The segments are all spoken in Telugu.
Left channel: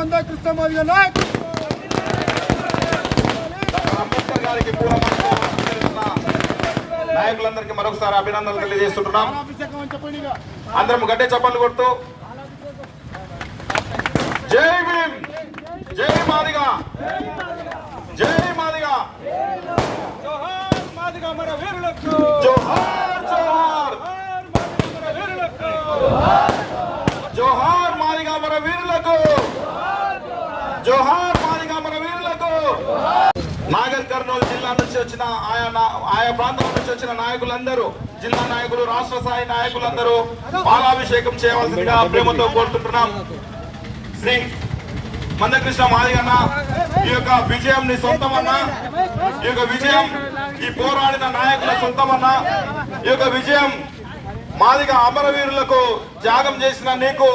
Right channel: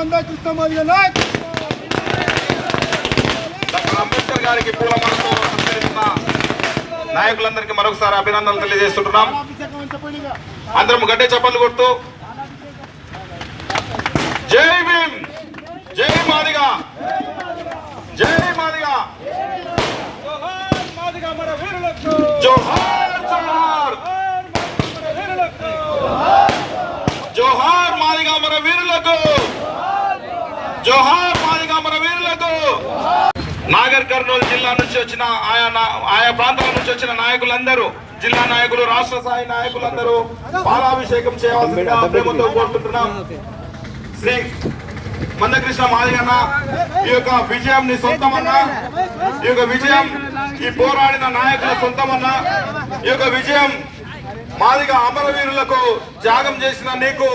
మందా కృష్ణ మాదిగ నాయకత్వం డాక్టర్ అంబేద్కర్ గారికి పూలమాలతో సత్కరిస్తున్న నాయకులందరికీ మరొకసారి అభినందనలు తెలియజేస్తుంటున్నాం. అందరం గడ్డే చప్పట్లు కొడుతూ. జై భీమ్. జై మాదిగా. జై మాదిగా జోహార్ మాదిగ మన వీరులకు జోహార్ మాదిగా మన వీరులకు జోహార్ మాదిగా మన వీరులకు నాగర్ కర్నూలు జిల్లా నుంచి వచ్చిన ఆయా ఆయా ప్రాంతాల నుంచి వచ్చిన నాయకులందరూ జిల్లా నాయకులు రాష్ట్ర స్థాయి నాయకులందరూ పాలాభిషేకం చేయవలసిందిగా ప్రేమతో కోరుకుంటున్నాం. శ్రీ మందకృష్ణ మాదిగన్న ఈ యొక్క విజయం నీ సొంతమన్నా ఈ యొక్క విజయం ఈ పోరాడిన నాయకుల సొంతమన్నా ఈ యొక్క విజయం మాదిగ అమరవీరులకు త్యాగం చేసిన నీకు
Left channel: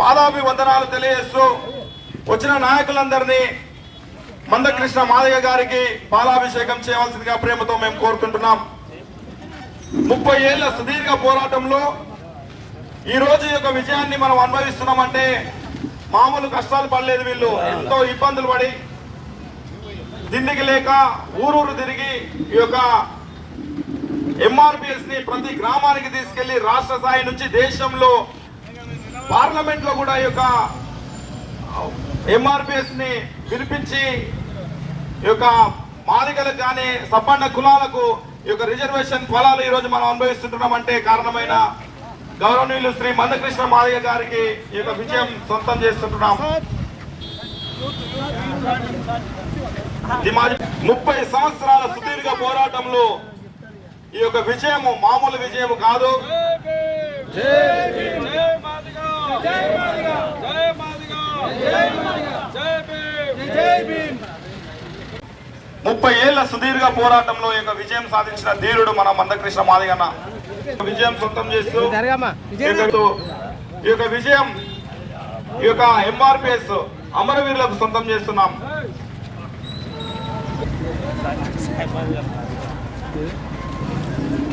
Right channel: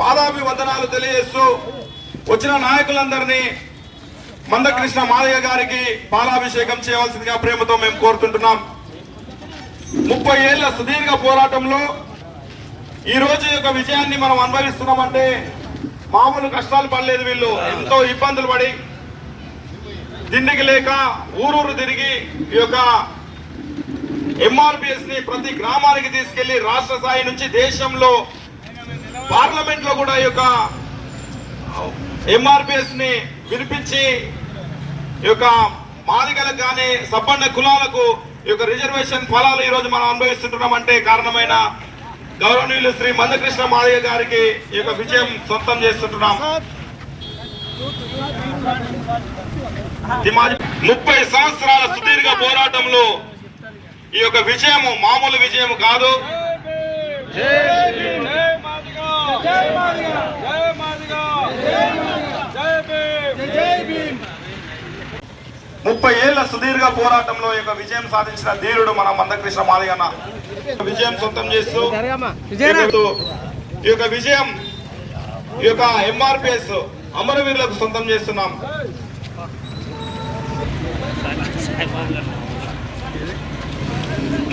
పాదాభివందనాలు తెలియజేస్తూ వచ్చిన నాయకులందరినీ మందకృష్ణ మాదయ్య గారికి పాలాభిషేకం చేయవలసిందిగా ప్రేమతో మేము కోరుతుంటున్నాం. ముప్పై ఏళ్ళ సుదీర్ఘ పోరాటంలో ఈ రోజు యొక్క విజయాన్ని మనం అనుభవిస్తున్నామంటే మామూలు కష్టాలు పడలేదు వీళ్ళు ఎంతో ఇబ్బందులు పడి తిండికి లేక ఊరూరు తిరిగి ఈ యొక్క ఎంఆర్పిఎస్ని ప్రతి గ్రామానికి తీసుకెళ్ళి రాష్ట్ర స్థాయి నుంచి దేశంలో పార్లమెంట్లో కూడా ఈ యొక్క ఎంఆర్పిఎస్ని వినిపించి ఈ యొక్క మాదిగలకు కానీ సబ్బండ కులాలకు ఈ యొక్క రిజర్వేషన్ ఫలాలు ఈరోజు మనం అనుభవిస్తుంటున్నాం అంటే కారణమైన గౌరవనీయులు శ్రీ మందకృష్ణ మాదిగ గారికి ఈ యొక్క విజయం సొంతం చేస్తుంటున్నాం ఈ ముప్పై సంవత్సరాల సుదీర్ఘ పోరాటంలో ఈ యొక్క విజయము మామూలు విజయము కాదు జై మాదిగా జై మాదిగా జై మాదిగా జై జై ముప్పై ఏళ్ళ సుదీర్ఘ పోరాటంలో యొక్క విజయం సాధించిన ధీరుడు మన మందకృష్ణ మాదిగన్న విజయం సొంతం చేస్తూ ఈ యొక్క విజయం ఈ యొక్క ఎంఆర్పిఎస్ అమరవీరులకు సొంతం చేస్తున్నాం.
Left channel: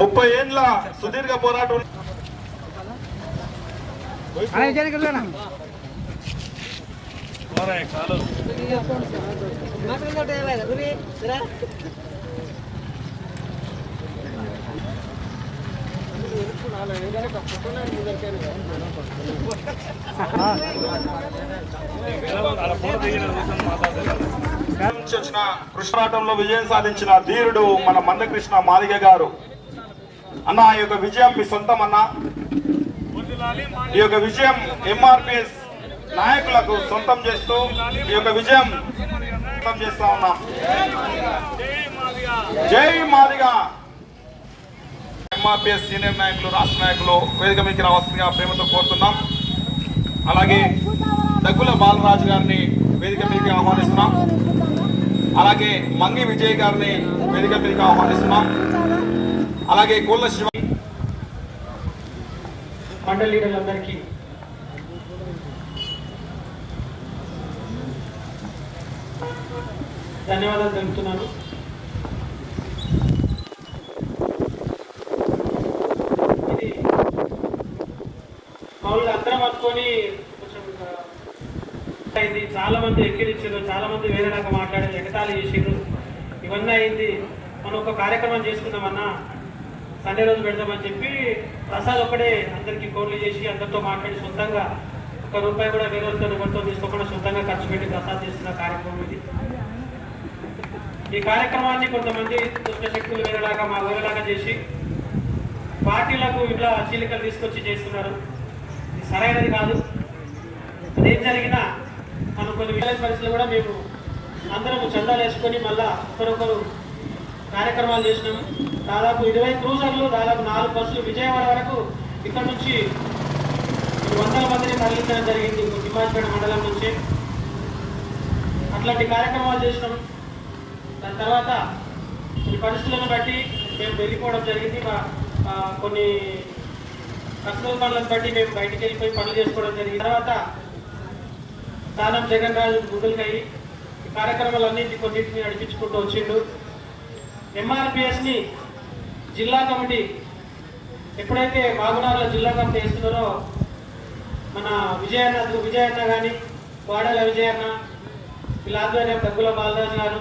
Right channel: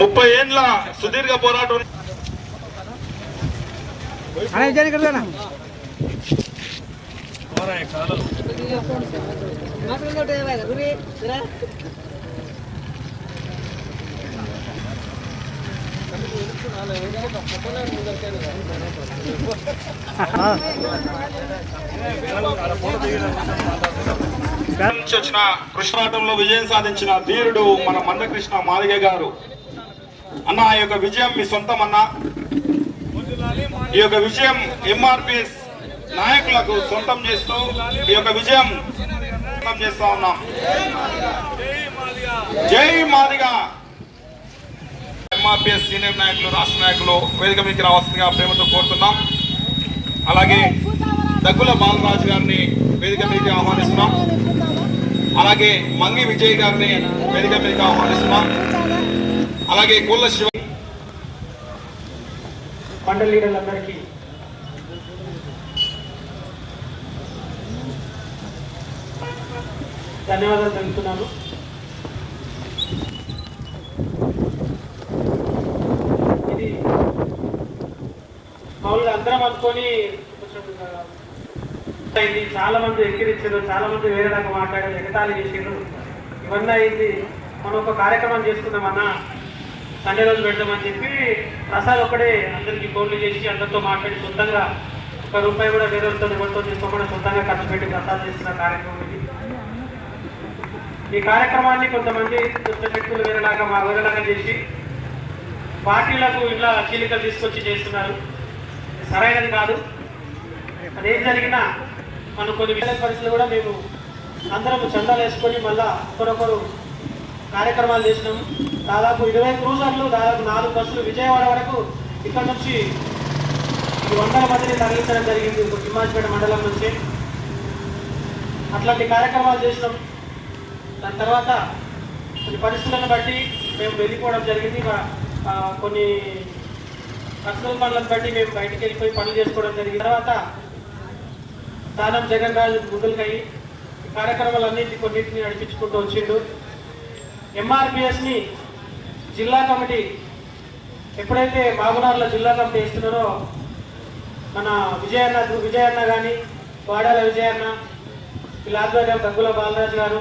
ముప్పై ఏండ్ల సుదీర్ఘ పోరాటం వచ్చిన కృష్ణాటంలో విజయం సాధించిన ధీరుడు మన మందకృష్ణ మాదిగ గారు. అన్న ఈ యొక్క విజయం మీ సొంతం అన్న. ఈ యొక్క విజయం ఎంఆర్పిఎస్ నాయకులకు సొంతం చేస్తూ ఈ యొక్క విజయం చేస్తా ఉన్నాం. జై మాదిగా. ఎంఆర్పిఎస్ సీనియర్ నాయకులు రాష్ట్ర నాయకులు వేదిక మీకు రావాల్సిందిగా ప్రేమతో కోరుతున్నాం. అలాగే దగ్గుల బాలరాజు గారిని వేదిక మీదకి ఆహ్వానిస్తున్నాం. అలాగే మంగి విజయ్ గారిని వేదిక మీదకి ఆహ్వానిస్తున్నాం. అలాగే కోళ్ళ శివ మండల లీడర్లందరికీ ధన్యవాదాలు తెలుపుతున్నాను. ఇది మామూలుగా అందరం అనుకొని కొంచెం అయింది చాలా మంది ఎక్కిరించారు చాలా మంది వేరే రకంగా మాట్లాడారు ఎగతాళి చేసిండ్రు. ఇవన్నీ అయింది. మనం ఒక కార్యక్రమం చేసుకుందామన్నా సండే రోజు పెడదామని చెప్పి ప్రసాద్ ఒక్కడే అందరికి ఫోన్లు చేసి అందరితో మాట్లాడి సొంతంగా ఒక రూపాయి కూడా వేరే వాళ్ళతో ఎవరితో తీసుకోకుండా సొంతంగా ఖర్చు పెట్టి ప్రసాద్ చేస్తున్న కార్యక్రమం ఇది. ఈ కార్యక్రమాన్ని కొంతమంది దుష్ట శక్తులు వేరేలాగా మా వేరేలాగా చేసి పార్టీలకు ఇట్లా చీలికలు తీసుకొచ్చి చేస్తున్నారు. సరైనది కాదు. అదేం జరిగినా మనం కొన్ని వేరే పరిస్థితులు కూడా మేము అందరం చందాలు వేసుకొని మళ్ళా ఒకరొకరు కార్యక్రమాలు చేసినాము. దాదాపు ఇరవై క్రూజర్లు దాదాపు నాలుగు బస్సులు విజయవాడ వరకు ఇక్కడ నుంచి వందల మందిని తరలించడం జరిగింది. తిమ్మాజిపేట మండలం నుంచి. అట్లాంటి కార్యక్రమాలు చేసినాం. దాని తర్వాత కొన్ని పరిస్థితులను బట్టి మేము వెళ్ళిపోవడం జరిగింది. కొన్ని ప్రస్తుత పనులను బట్టి మేము బయటికి వెళ్ళిపోయి పనులు చేసుకోవడం జరిగింది. తర్వాత దానం జగన్ రాజు గుడ్డులకై కార్యక్రమాలన్నింటి కొన్నింటిని నడిపించుకుంటూ వచ్చిండు. ఎంఆర్పిఎస్ని జిల్లా కమిటీ ఎప్పుడైతే మాగునార్ల జిల్లా కమిటీ వేస్తున్నారో మన విజయన్న విజయన్న కానీ వాడాల విజయన్న వీళ్ళ ఆధ్వర్యం దగ్గుల బాలరాజు గారు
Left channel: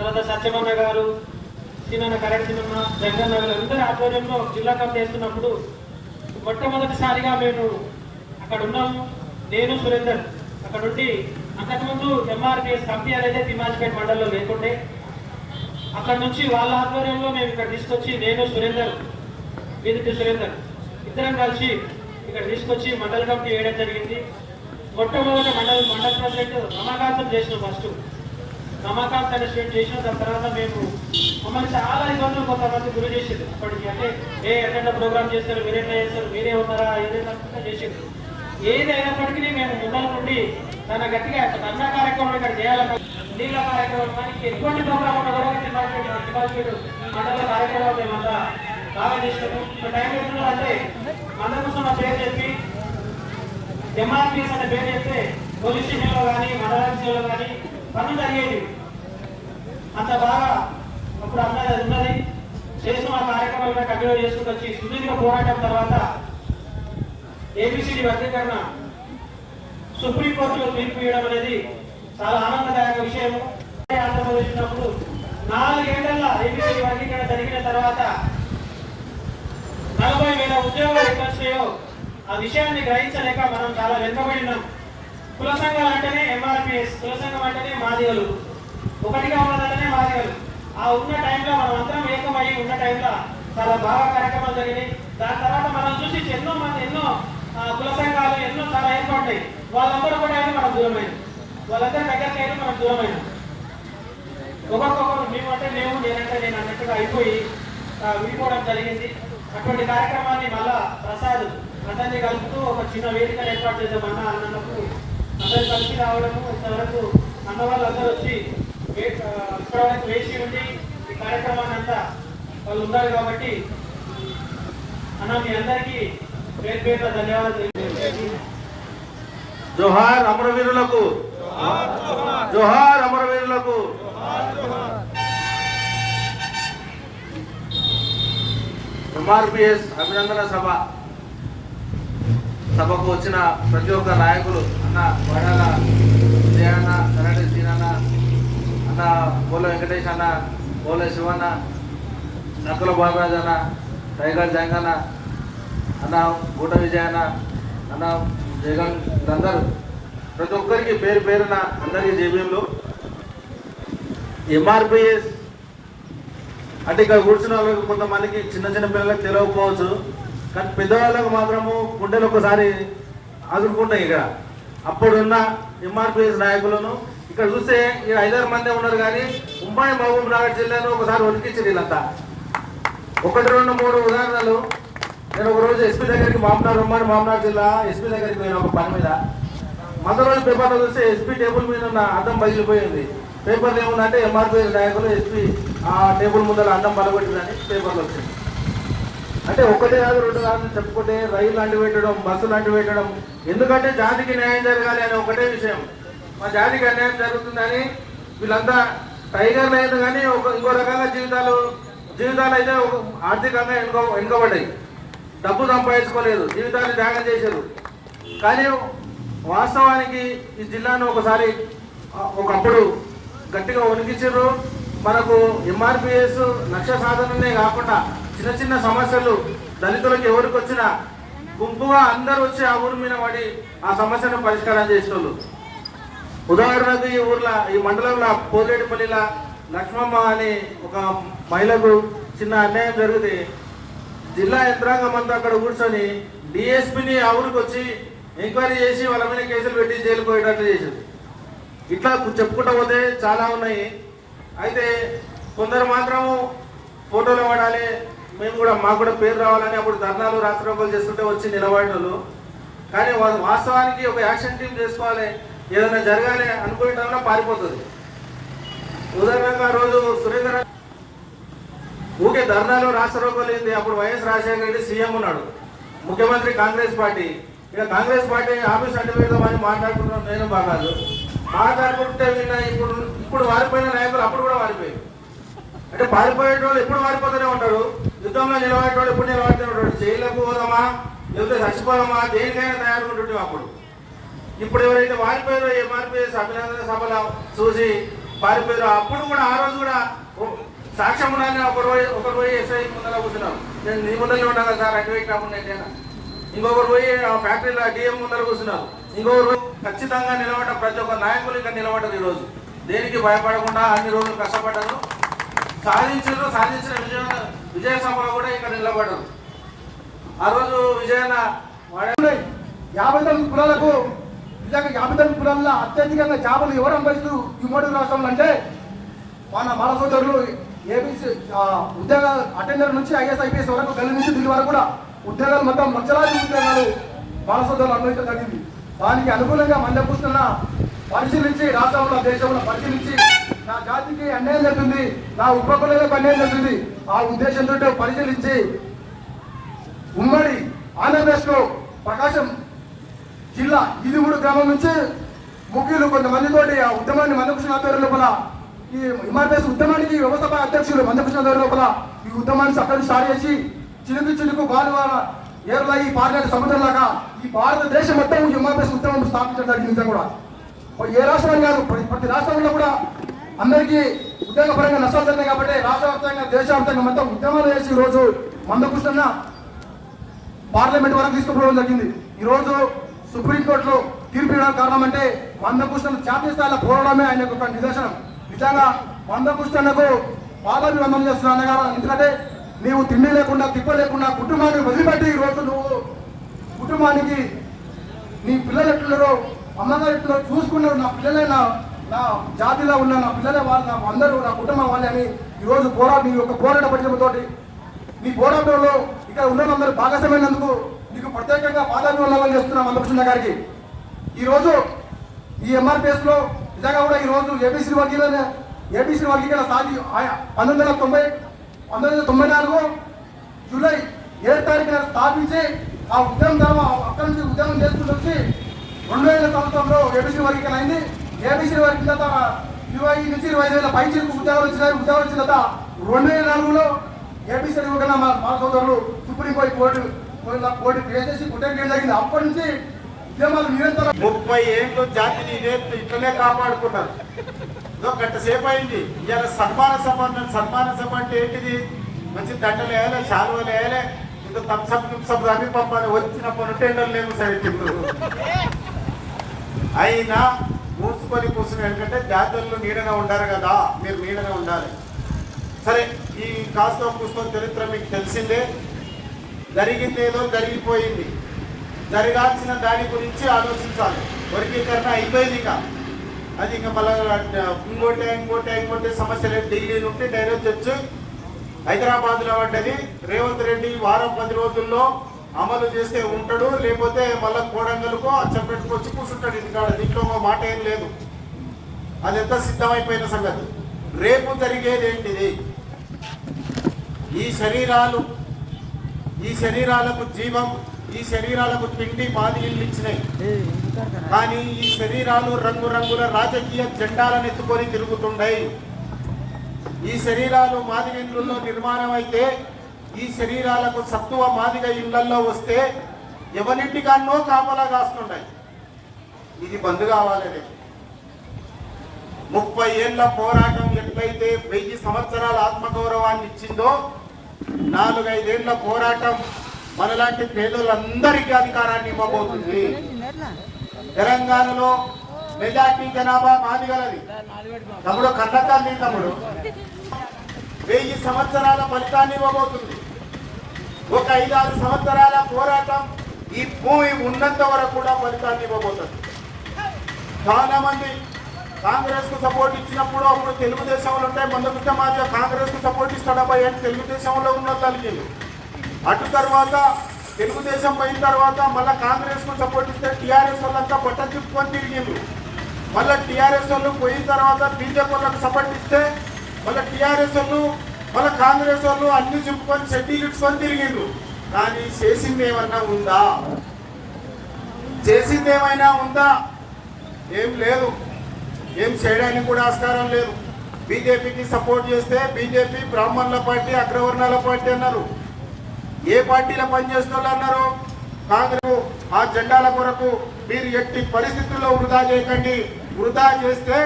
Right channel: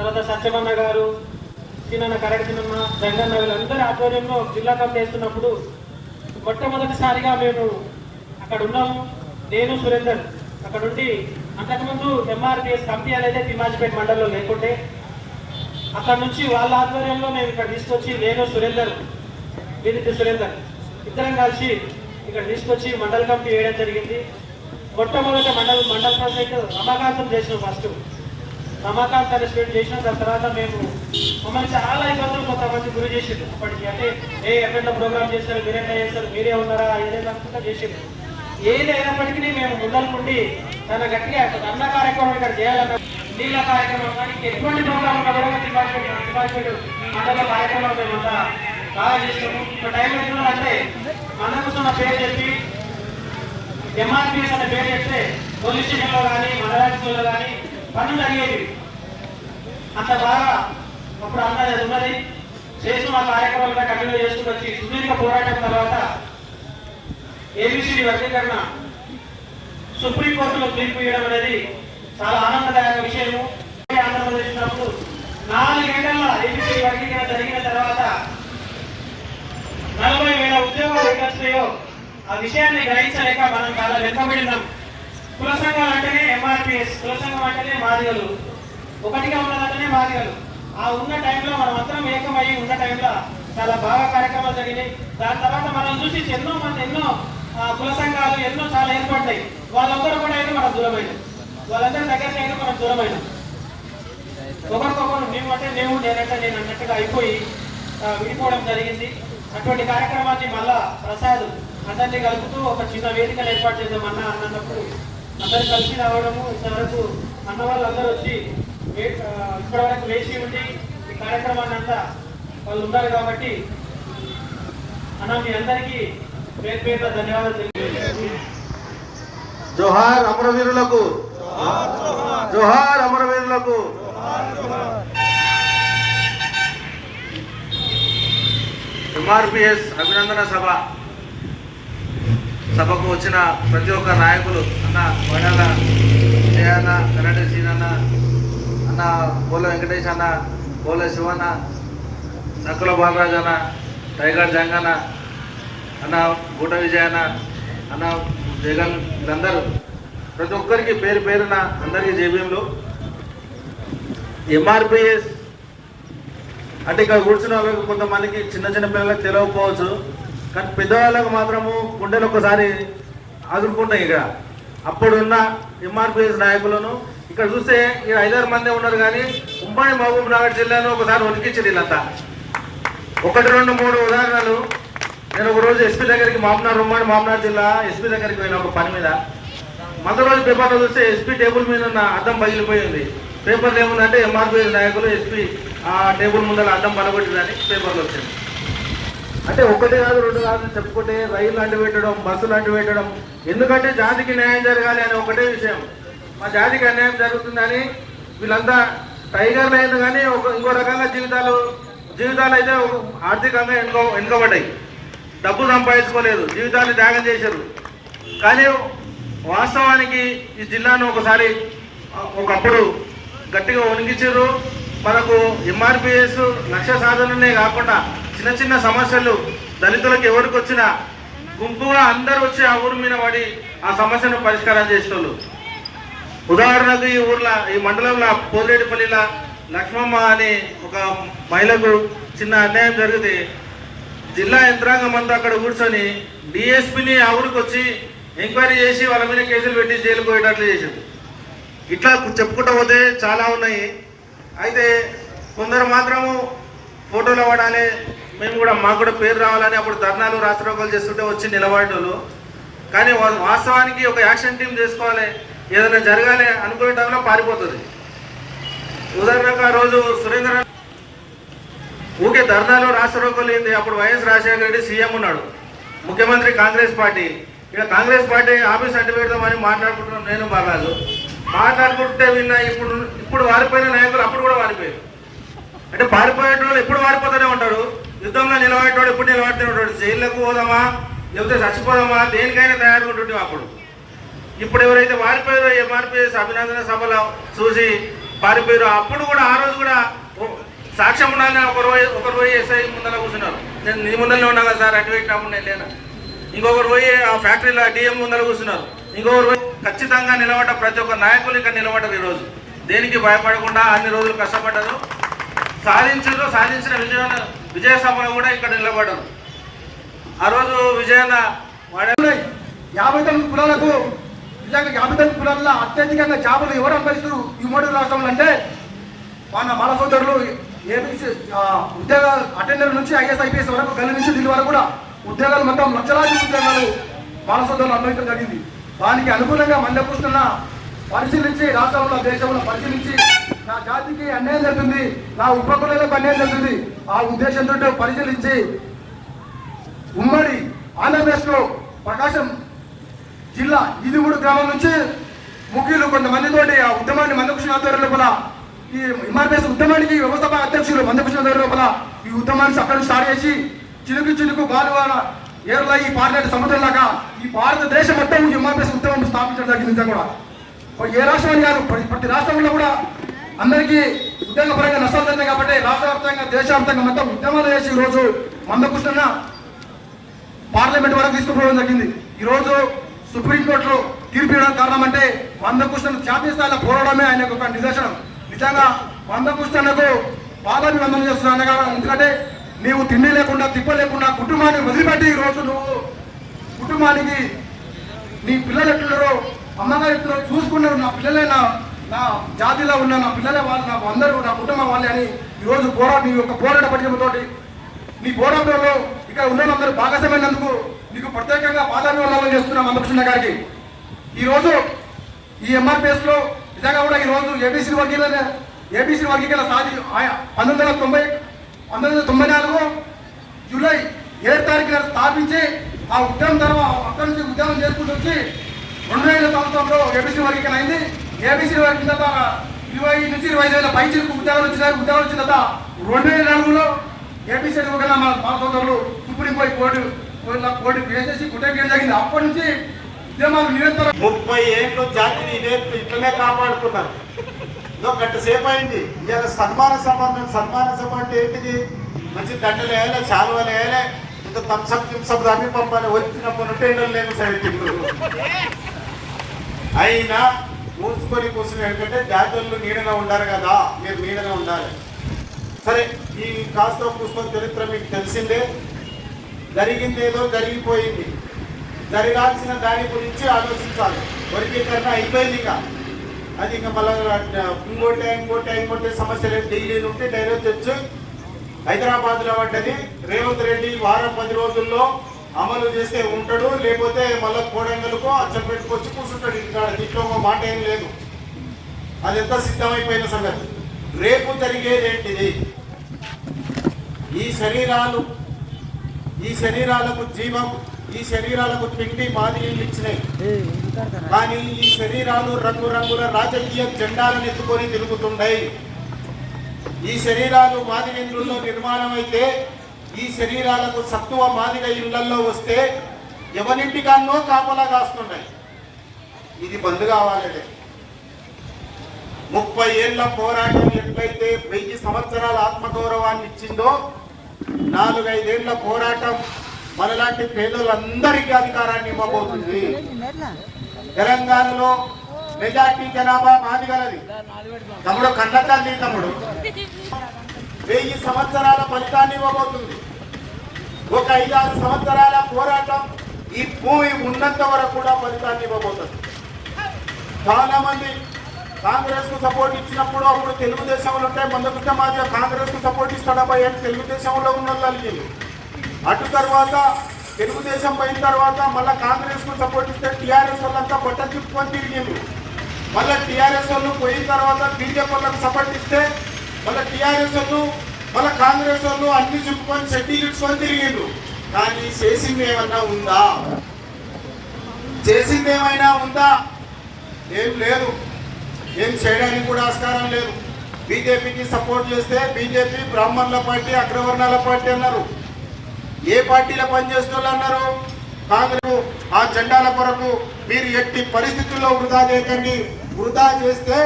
తర్వాత సత్యమన్న గారు చిన్న కరెక్ట్ చిన్న జగన్ వీళ్ళందరి ఆధ్వర్యంలో జిల్లా కప్ చేస్తున్నప్పుడు మొట్టమొదటిసారిగా మేము అక్కడ ఉన్నాము. నేను సురేందర్ అక్కడ ఉండి అంతకుముందు ఎంఆర్పిఎస్ కంపెనీ అనేది తిమాజ్పేట్ మండలంలో లేకుంటే అక్కడ నుంచి వాళ్ళ ఆధ్వర్యంలో మేము ఇక్కడ తీసుకొచ్చి నేను సురేందర్ విదిత్ సురేందర్ ఇద్దరం కలిసి ఇక్కడ తీసుకొచ్చి మండల కమిటీ వేయడం జరిగింది. మొట్టమొదటి మండల మండల ప్రాజెక్టు రమాకాంతం చేసిన ఫస్ట్ రమాకాంత్ పార్టిసిపేట్ చేసిన దాని తర్వాత మేము మమ్మల్ని చాలా ఇబ్బందులు కొంతమంది గురి చేసింది అప్పటికి అంటే ఏ ఎక్కడ ప్రోగ్రామ్ చేశారు మీరు ఎట్లా చేస్తారు? మీరే ఉన్నారా? ఏదైనా చేసింది ఏది అయినప్పటికీ మేము ముందనుకుండి తన గట్టిగా అన్న కార్యక్రమం ఇక్కడ చేయాలన్న నీళ్ళ కార్యక్రమం కానీ ఎటువంటి ప్రోగ్రామ్ ఉన్నా కూడా తిమ్మాజీపేట మండల కార్యక్రమం మేము అంతా బాగా చేసినాము. ఇప్పుడు టైం వచ్చిన అంటే మన కోసం ఆ పేరు చెప్పి ఎంఆర్పీఎస్ అనే పేరు చెప్తే పోలీస్ స్టేషన్లో కానీ మండలాఫీసులో కానీ పనులు జరిగేవి అంత బాగా అప్పుడు అన్నది ఉన్నది. చేసిన ఆ కార్యక్రమాలు కంటిన్యూ చేసుకుని వచ్చి సుదీర్ఘ పోరాటం తర్వాత ఏబిసిడి వర్గీకరణ సుప్రీంకోర్టులో తీర్పు ఇవ్వడం అనేది చాలా ఆనందదాయక విషయము. ఆంధ్రప్రదేశ్ ఉన్నప్పుడు నాలుగేళ్ళ ఏబిసిడి వర్గీకరణ జరిగిన తర్వాత నలభై వేల ఉద్యోగాలు ఎక్కడ ఆ విషయాన్ని గ్రహించలేక మనం చాలా వెనుకబడినాం కుల సంఘాలు అంటేనే ఎంఆర్పిఎస్ కుల సంఘం అంటేనే మాదిగలు. ఒకటిగా ఉన్నదంటేనే మాదిగలు. ఆ ఉన్న టైంలో మనం అందరం ఏకమై ఉన్న టైంలో చాలా బాగా కార్యక్రమాలు జరిగినాయి. దాని తర్వాత మనం చూసి ఎన్నో మంది ఎన్నో ఆ, కుల సంఘాలు ఎన్నో చాలా ఏర్పడ్డాయి. వాళ్ళందరూ కూడా అయితే మనం దూరమైన వాళ్ళందరూ దగ్గరికి అయితే మనం దూరమైన ఒకరికొకరు మేము అంటే మేము నేనంటే నేను అన్నట్టుగా అయిపోయి విడిపోవడం జరిగింది. అటువంటి కార్యక్రమాన్ని మళ్ళా ప్రసాద్ అందరినీ కలుపుతూ ఒక చిన్న వేదికను ఏర్పాటు చేద్దామన్నా అన్నప్పుడు అందరు కలిసి రావడము ఇంతవరకు అన్న వాళ్ళు వచ్చి వే- ఆ, వేసి ఉండి ఈ కార్యక్రమాన్ని అంతా వాళ్ళు ఉన్నారు కాబట్టి అన్న మీ అందరికీ పేరు పేరు ధన్యవాదాలు తెలియజేస్తున్నాను. జోహార్ అమరవీరులకు జోహార్ అమరవీరులకు ఎంఆర్పిఎస్ అభినందన సభ సభకు వచ్చిన ప్రతి ఒక్క నాయకులు అన్న వడాల విజయన్న కరెంట్ సీనన్న అన్న పోల వెంకటేష్ అన్న పోల శివన్న నక్కుల బాబరాజ్ అన్న టైగర్ జంగన్న అన్న గూట విజయన్న అన్న జగన్ అందరూ ప్రతి ఒక్కరికి పేరు పేరున అందరికీ జేబీఎంలు. ఎంఆర్పిఎస్ అంటే ఇక్కడ కూర్చున్న వాళ్ళకి కొంతమందికి చిన్న చిన్న పిల్లలకు తెలియకపోవచ్చు. కానీ పెద్దవాళ్ళకు మాత్రము గుండెలు ఒకసారి ఆదుకుంటాయి ఇక అప్పుడున్న ఎంఆర్పిఎస్ నాయకులను ఇక్కడ చూస్తే ఈ ఐదారు మంది ఉన్నారు కానీ ఉమ్మడి మహబూబ్ నగర్ జిల్లాలో ఒకసారి ఉనికించింది వీళ్ళంతా. ఒకటి రెండు మూడు ఉదాహరణలు. నేను ఒక రోజు ఎస్పీ దగ్గరికి మామనార్ ఉమ్మడి మామనార్ జిల్లా ఎస్పీ దగ్గరికి పోయిన ఒక పని మీద. మొదటి రోజు పేపర్లో చూస్తే ఎస్పీ టేబుల్ మీద ఉన్న అద్దం పగిలిపోయింది. పేపర్లు ఏముందంటే ఎంఆర్పిఎస్ నాయకులు ఎస్పీ ఆ టేబుల్ ముందర అద్దం పలగొట్టిందని పేపర్లో వచ్చింది. అంటే ఒకటే కాదు రెండు కాదు చెప్పుకుంటే రైలు అంటు పెట్టడం బస్సులు అంటు పెట్టడం ఎందుకంటే జాతికి న్యాయం జరగాలి అని ఒకటే విషయం. మా జాతికి అన్యాయం జరుగుతుందని వీళ్ళంతా టైగర్లు అయింది కానీ ఒక ఇంకో రకంగా జీవితాలు జీవితాలు అయితే ఆర్థికంగా వెనుక ఎన్నుకోబడ్డాయి డబ్బు సంపాదించుకోలేదు జీవితాన్ని త్యాగం చేశారు. కానీ వాస్తవానికి ఈ జిల్లాను ఒకసారి ఒకప్పుడు గట్టిగా వణికించారు. మనకు ఎంఆర్పిఎస్ లక్ష్య సాధననే కాకుండా చిన్న చిన్న సమస్యలు దళితులకు ఎవరికి వచ్చినా గుంపుగా అందరూ వచ్చి ఆ ఊరి మీద పడి ఆ సమస్యను పరిష్కారం చేసిన వాళ్ళు ఉదాహరణకు ఈ ఊర్లో ఈ మండలంలో పోలేటిపల్లిలో లక్ష్మమ్మ అని ఒక మహిళకు చిన్న అన్యాయం జరిగితే జిల్లా యంత్రాంగం అంతా అక్కడ కూర్చొని డిఎస్పిని ఆ ఊరికి వచ్చి ఎంక్వైరీ చేసి వాళ్ళ మీద కేసులు పెట్టి జైలు పోయేటట్లు చేసింది. ఇట్లా చెప్పుకుంటూ పోతే చాలా ఉన్నాయి. అయితే కొందరు మాత్రము ఫోటోలు పడాలి మేము కూడా మాకు కూడా పేరు రావాలని అప్పుడు ధర్నాలు రాష్ట్రోకాలు చేస్తుంటే వచ్చి నిలబడేవాళ్ళు కానీ వాస్తవానికి ఒక యాక్షన్ టీం చేసుకోవాలి ఏదైనా జరగాలి అనుకునే టైంలో పారిపోతుంది. ఉదాహరణకు ఆ రోజు సురేంద్ర ఊకే ధర్నాలో రాష్ట్రోకాలు ఏంది అప్పుడు వైఎస్ రాజశేఖర రెడ్డి సీఎం ఉన్నాడు. ముఖ్యమంత్రి కాంగ్రెస్ పార్టీ. ఇక కాంగ్రెస్ పార్టీ ఆఫీస్ అడ్డు పెడదామని మాట్లాడుకుంటున్నాను నేను బాగాదు మాట్లాడుకుంటే విన్నా ఇప్పుడు ఇప్పుడు వారిపోయిన నాయకులు అప్పుడు కూడా వారిపోయారు అంటే పారిపోయేట వాళ్ళు ఎప్పుడు వారిపోతూనే ఉంటారు. యుద్ధంలో నిలబడేటోడు ఇప్పుడు నిలబడుతూనే ఉంటాడు జైల్లోకి పోదామా? లేకపోతే చచ్చిపోదామా? దేనికైనా తయారుకుంటుంటాం అప్పుడు. ఇప్పుడు ఎవరైతే వారిపోయారో ఎంఆర్పిఎస్ అభినందన సభలు చూసి పారిపోయారో అప్పుడు కూడా ఆ రోజు కూడా సాక్ష్యం ఉండాలని ఒక రోజు ఒకరు పోయి ఎస్ఐ ముందర కూర్చున్నారు. నేను నీ ముందరనే ఉన్నా కదా సార్ అటువైపు కాకుండా లేనా ఇంకొకరు పోయి ఆ ఫ్యాక్టరీలో డిఎం ముందర కూర్చున్నారు. ఇంకొకరు పోయి ఖచ్చితంగా నిలబడ్డ ప్రతి ఒక్క నాయకులు ఇక్కడ నిలబడ్డారు ఈరోజు దేనికి భయపడకుండా అన్ని రోజులు కష్టపడ్డారు. సాధించారు సాధించిన విజయ విజయ సభలో కూడా ఇక్కడ నిలబడరు. ఆ రోజు విజయన వాడే యాభై తొమ్మిది కులాలకు నిజంగా యాభై తొమ్మిది కులాల్లో అత్యధికంగా జాబులు ఎవరు అంబరిస్తారు ఈ మూడు రాష్ట్రంలో అంటే మన మన సోదరులు ఏబీసీ ఉద్యోగ అటెండర్ నుంచి ఐఎస్ ఐపీఎస్ వరకు గల్లి నుంచి దీని వరకు కూడా ఉద్యోగాలు మొత్తం లక్షలాది ఉద్యోగాలు బాల సోదరులు అనుభవించడం జరిగింది. దానికి అనుకూలంగా మంద కూర్చున్న పరిశీలించి రాష్ట్రంలో దేశంలో పరిశీలించి నా జాతికి అన్యాయం జరుగుతుంది నా ఉపకులకు అన్యాయం జరుగుతుంది. ఆ ఉద్దేశంతో పరిశీలించి ఉమ్మడి ఆంధ్రప్రదేశ్లో ప్రకాశం జిల్లా ఇదిగూడు గ్రామం నుంచి ముఖ్యులు కొంతమందితోటి ఆ ఉద్యమాన్ని మందకృష్ణ ఆధ్వర్యం లోపల ఈ ఎంఆర్పిఎస్ ఉద్యమానికి వ్యవస్థాపక అధ్యక్షులు మందకృష్ణ ఆధ్వర్యం లోపల ఈ ఉద్యమాన్ని అక్కడ స్టార్ట్ చేసి చినుకు చినుకు బాలువాన ఏర్లా ఈ పార్లమెంట్ సముద్రంలాగా ఈ భారతదేశం మొత్తం ఎంఆర్పిఎస్ ఉద్యమం స్థాపించడం జరిగింది కూడా. ఏ రాష్ట్రం కాదు ప్రతి ప్రతి రాష్ట్రంలో కూడా అందరికీ ఉద్యోగపరంగా నష్టాలు జరిగాయి కాబట్టి రాష్ట్రవ్యాప్తంగా దేశవ్యాప్తంగా మొత్తం ఉద్యమాలు చేసి ఈ రోజు మందకృష్ణ పార్లమెంట్ వరకు తీసుకుపోవడం జరిగింది. ఈరోజు సుప్రీంకోర్టులో తీర్పు ఇవ్వడం కారణం అంటే మందకృష్ణ జాతీయ స్థాయిలో పోరాడమే ఆయన ఒక నిదర్శనం. నిజంగా మందకృష్ణకు పాదాభివందనం చేస్తున్నాను అన్నగారు ఎందుకంటే నీవు తిండి లేకుండా తిప్ప లేకుండా కుటుంబాన్ని వదిలిపెట్టి ఈ రోజు నువ్వు కుటుంబానికి నీ పిల్లలు ఎట్లున్నారో అమ్మగారు ఎట్లున్నారో చూసుకునే నా పిల్లలైనా నా జాతిలో ఉన్న నా పిల్లలే వాళ్ళు నాకు అందరూ నా కుటుంబం వాళ్ళే అని ఈరోజు పోరాట నీ యొక్క పోరాట పట్టికతోటి నీ పోరాటంలో ఇక్కడ ఉన్నందరూ భాగస్వామైనందుకు నీకు ప్రత్యేకంగా పాదాభివందనాలు చేస్తున్నాం మందకృష్ణ గారికి. ఈరోజు ఈ ఎంఆర్పిఎస్లో నిజంగా కూడా ఈ రోజు ఏబీసీ వర్గీకరణ ఏబీసీ వర్గీకరణ సాధి పంతొమ్మిది వందల తొంభై పంతొమ్మిది వందల తొంభై నాలుగు జూలై ఏడు తారీఖున స్థాపించి ఆ ఉద్యమం తర్వాత అక్కడి నుంచి ఉద్యమం చేసుకుంటూ వచ్చి రెండు వేల సంవత్సరంలో ఏబీసీ వర్గీకరణ అయింది ఏబీసీ వారి కింద ఇరవై నుంచి ఇరవై ఐదు వేల పైచీలకు ఉద్యోగాలు వచ్చినాయి. ఉద్యోగాలు వచ్చిన తర్వాత రెండు వేల నాలుగులో ఏబీసీ వర్గీకరణ మా సోదరులు సుప్రీం కోర్టు కోర్టు కోర్టు వేసేసి కుట్రేయడం జరిగింది? అప్పటి నుంచి ఉద్యమాలు నిరంతరం ముప్పై ఏళ్ళు జాతిని ఇదే ఇట్లనే కాపాడుకున్నారు. గంట సేపు అయింది. ఇవాళ సన్మాన సంబంధం సన్మాన సభ అంటే ఏంటిది? మంచి దండలు వేయాలి చాలువలు వేయాలి ఇంత తంసప్ తంసప్ దాన్ని పంపాలి వచ్చినప్పుడు టెండర్ లేము సరే ఇప్పుడు. అయినా మూసుకొని కూర్చుని ఎందుకంటే జాతరలు నీడగా ఉండాలి కదా. మీరు నీడగా ఉండాలి. సరే ఈ కాస్త పుస్తకం చరిత్ర మీకు తెలిసిందే. జరిగిందేదో జరిగిపోయింది. జరగాల్సిన దాని గురించి ఆలోచించాలి. వర్గీకరణ అయిపోయింది ఇక. అది ఇంకా మళ్ళీ ఇంకోటి ఇంకోటి ఇంకోటి సమస్య లేదు. ఢిల్లీ నుండి డైరెక్ట్ వచ్చి హైదరాబాద్లో పడ్డది. రేవంత్ రెడ్డి వారం పది రోజుల్లో అమలు చేస్తే ఉంటాడు లేకపోతే మళ్ళీ కోడంగల్కో అచ్చం పెట్టుకొచ్చి కూర్చుంటాడు ఇంకా దీంట్లో ఒక మాట ఏం లేదు. అది ఎంత సిద్ధమైపోయిన సంగతి. రేపు జరిగేది ఏంటిది? ఈ శరీరాలు ఈ శరీరాలకు జీవం ఈ శరీరాలకు తిండి మాదిరిలు ఇచ్చినాయి. కానీ ఈ శరీరాలు రంగురంగుల రాజకీయ జెండాలను ఎత్తుకొని తిరుగుతుండయి. ఈ శరీరాలు మాదిరి నిర్మాణం అయితే ఈ శరీరాలకు సత్తువ మాదిగ ఇళ్ళలో వస్తే ఎవరింటికన్నో కాపలా కాస్తుంటాయి ఇది బంద్ కావాలనే. ముప్పై ఏళ్ళ పోరాటం ఎట్లయితే వెయ్యి సంవత్సరాల ఆత్మగౌరవాన్ని ఇచ్చిందో నాలుగైదేళ్ళ పోరాటం మనలాంటి పేదలందరికీ అధికారాన్ని ఇవ్వబోతుంది. తెలంగాణలో మెజార్టీ జనాభా మాదిగలది. తమ్ముడు కన్నతల్లి తమ్ముడు. వెయ్యి సంవత్సరాల ఫలితాన్ని ఇవ్వబోతుంది. ఒక ఐదారు సంవత్సరాల పోరాటం ఈ భూమి ఉన్నంత వరకు కూడా ఫలితాన్ని ఇవ్వబోతుంది. చాలా మంది కాంగ్రెస్కు సపోర్ట్ ఇచ్చినప్పుడు అప్పుడు తెలుగుదేశంలో ఉంటాయి ముందుకు సమాజం కాంగ్రెస్కు సపోర్ట్ ఇస్తాడబ్బా ఏంటి తెలుగుదేశంలో ఉన్న తల్లిలు అటు తర్వాత తెలుగుదేశం పోయిన తర్వాత మళ్ళీ కాంగ్రెస్కు సపోర్ట్ ఇస్తే టీఆర్ఎస్ వాళ్ళంతా బట్ట చిప్పుకొని తిరిగిండ్రు. మళ్ళీ టీఆర్ఎస్ వాళ్ళు పోయిన తర్వాత బీజేపీ వాళ్ళకు సపోర్ట్ ఇస్తే మళ్ళీ టీఆర్ఎస్ వాళ్ళు మళ్ళీ కాంగ్రెస్ వాళ్ళు అన్ని చెప్పుకొని సర్టిఫికెట్స్కొని తిరిగిండ్రు. కానీ చేసింది ఏమన్నా ఉందా? చేసింది ఏమైనా ఉందా? ఏం లేదు. ఏం చేయడానికి కూడా ఆస్కారం లేదు. బీజేపీకి సపోర్ట్ చేస్తే బీజేపీ బ్రాహ్మణుల పార్టీ అగ్రవర్ణాల పార్టీ అన్నారు. ఏ పార్టీలో పనిచేస్తున్నారు వాళ్ళు అన్నారు? కాంగ్రెస్. ఆ జెండాల కొరకు మీరు ఎట్టి పరిస్థితుల్లో వృధా చేయకండి. వృధా చేస్తే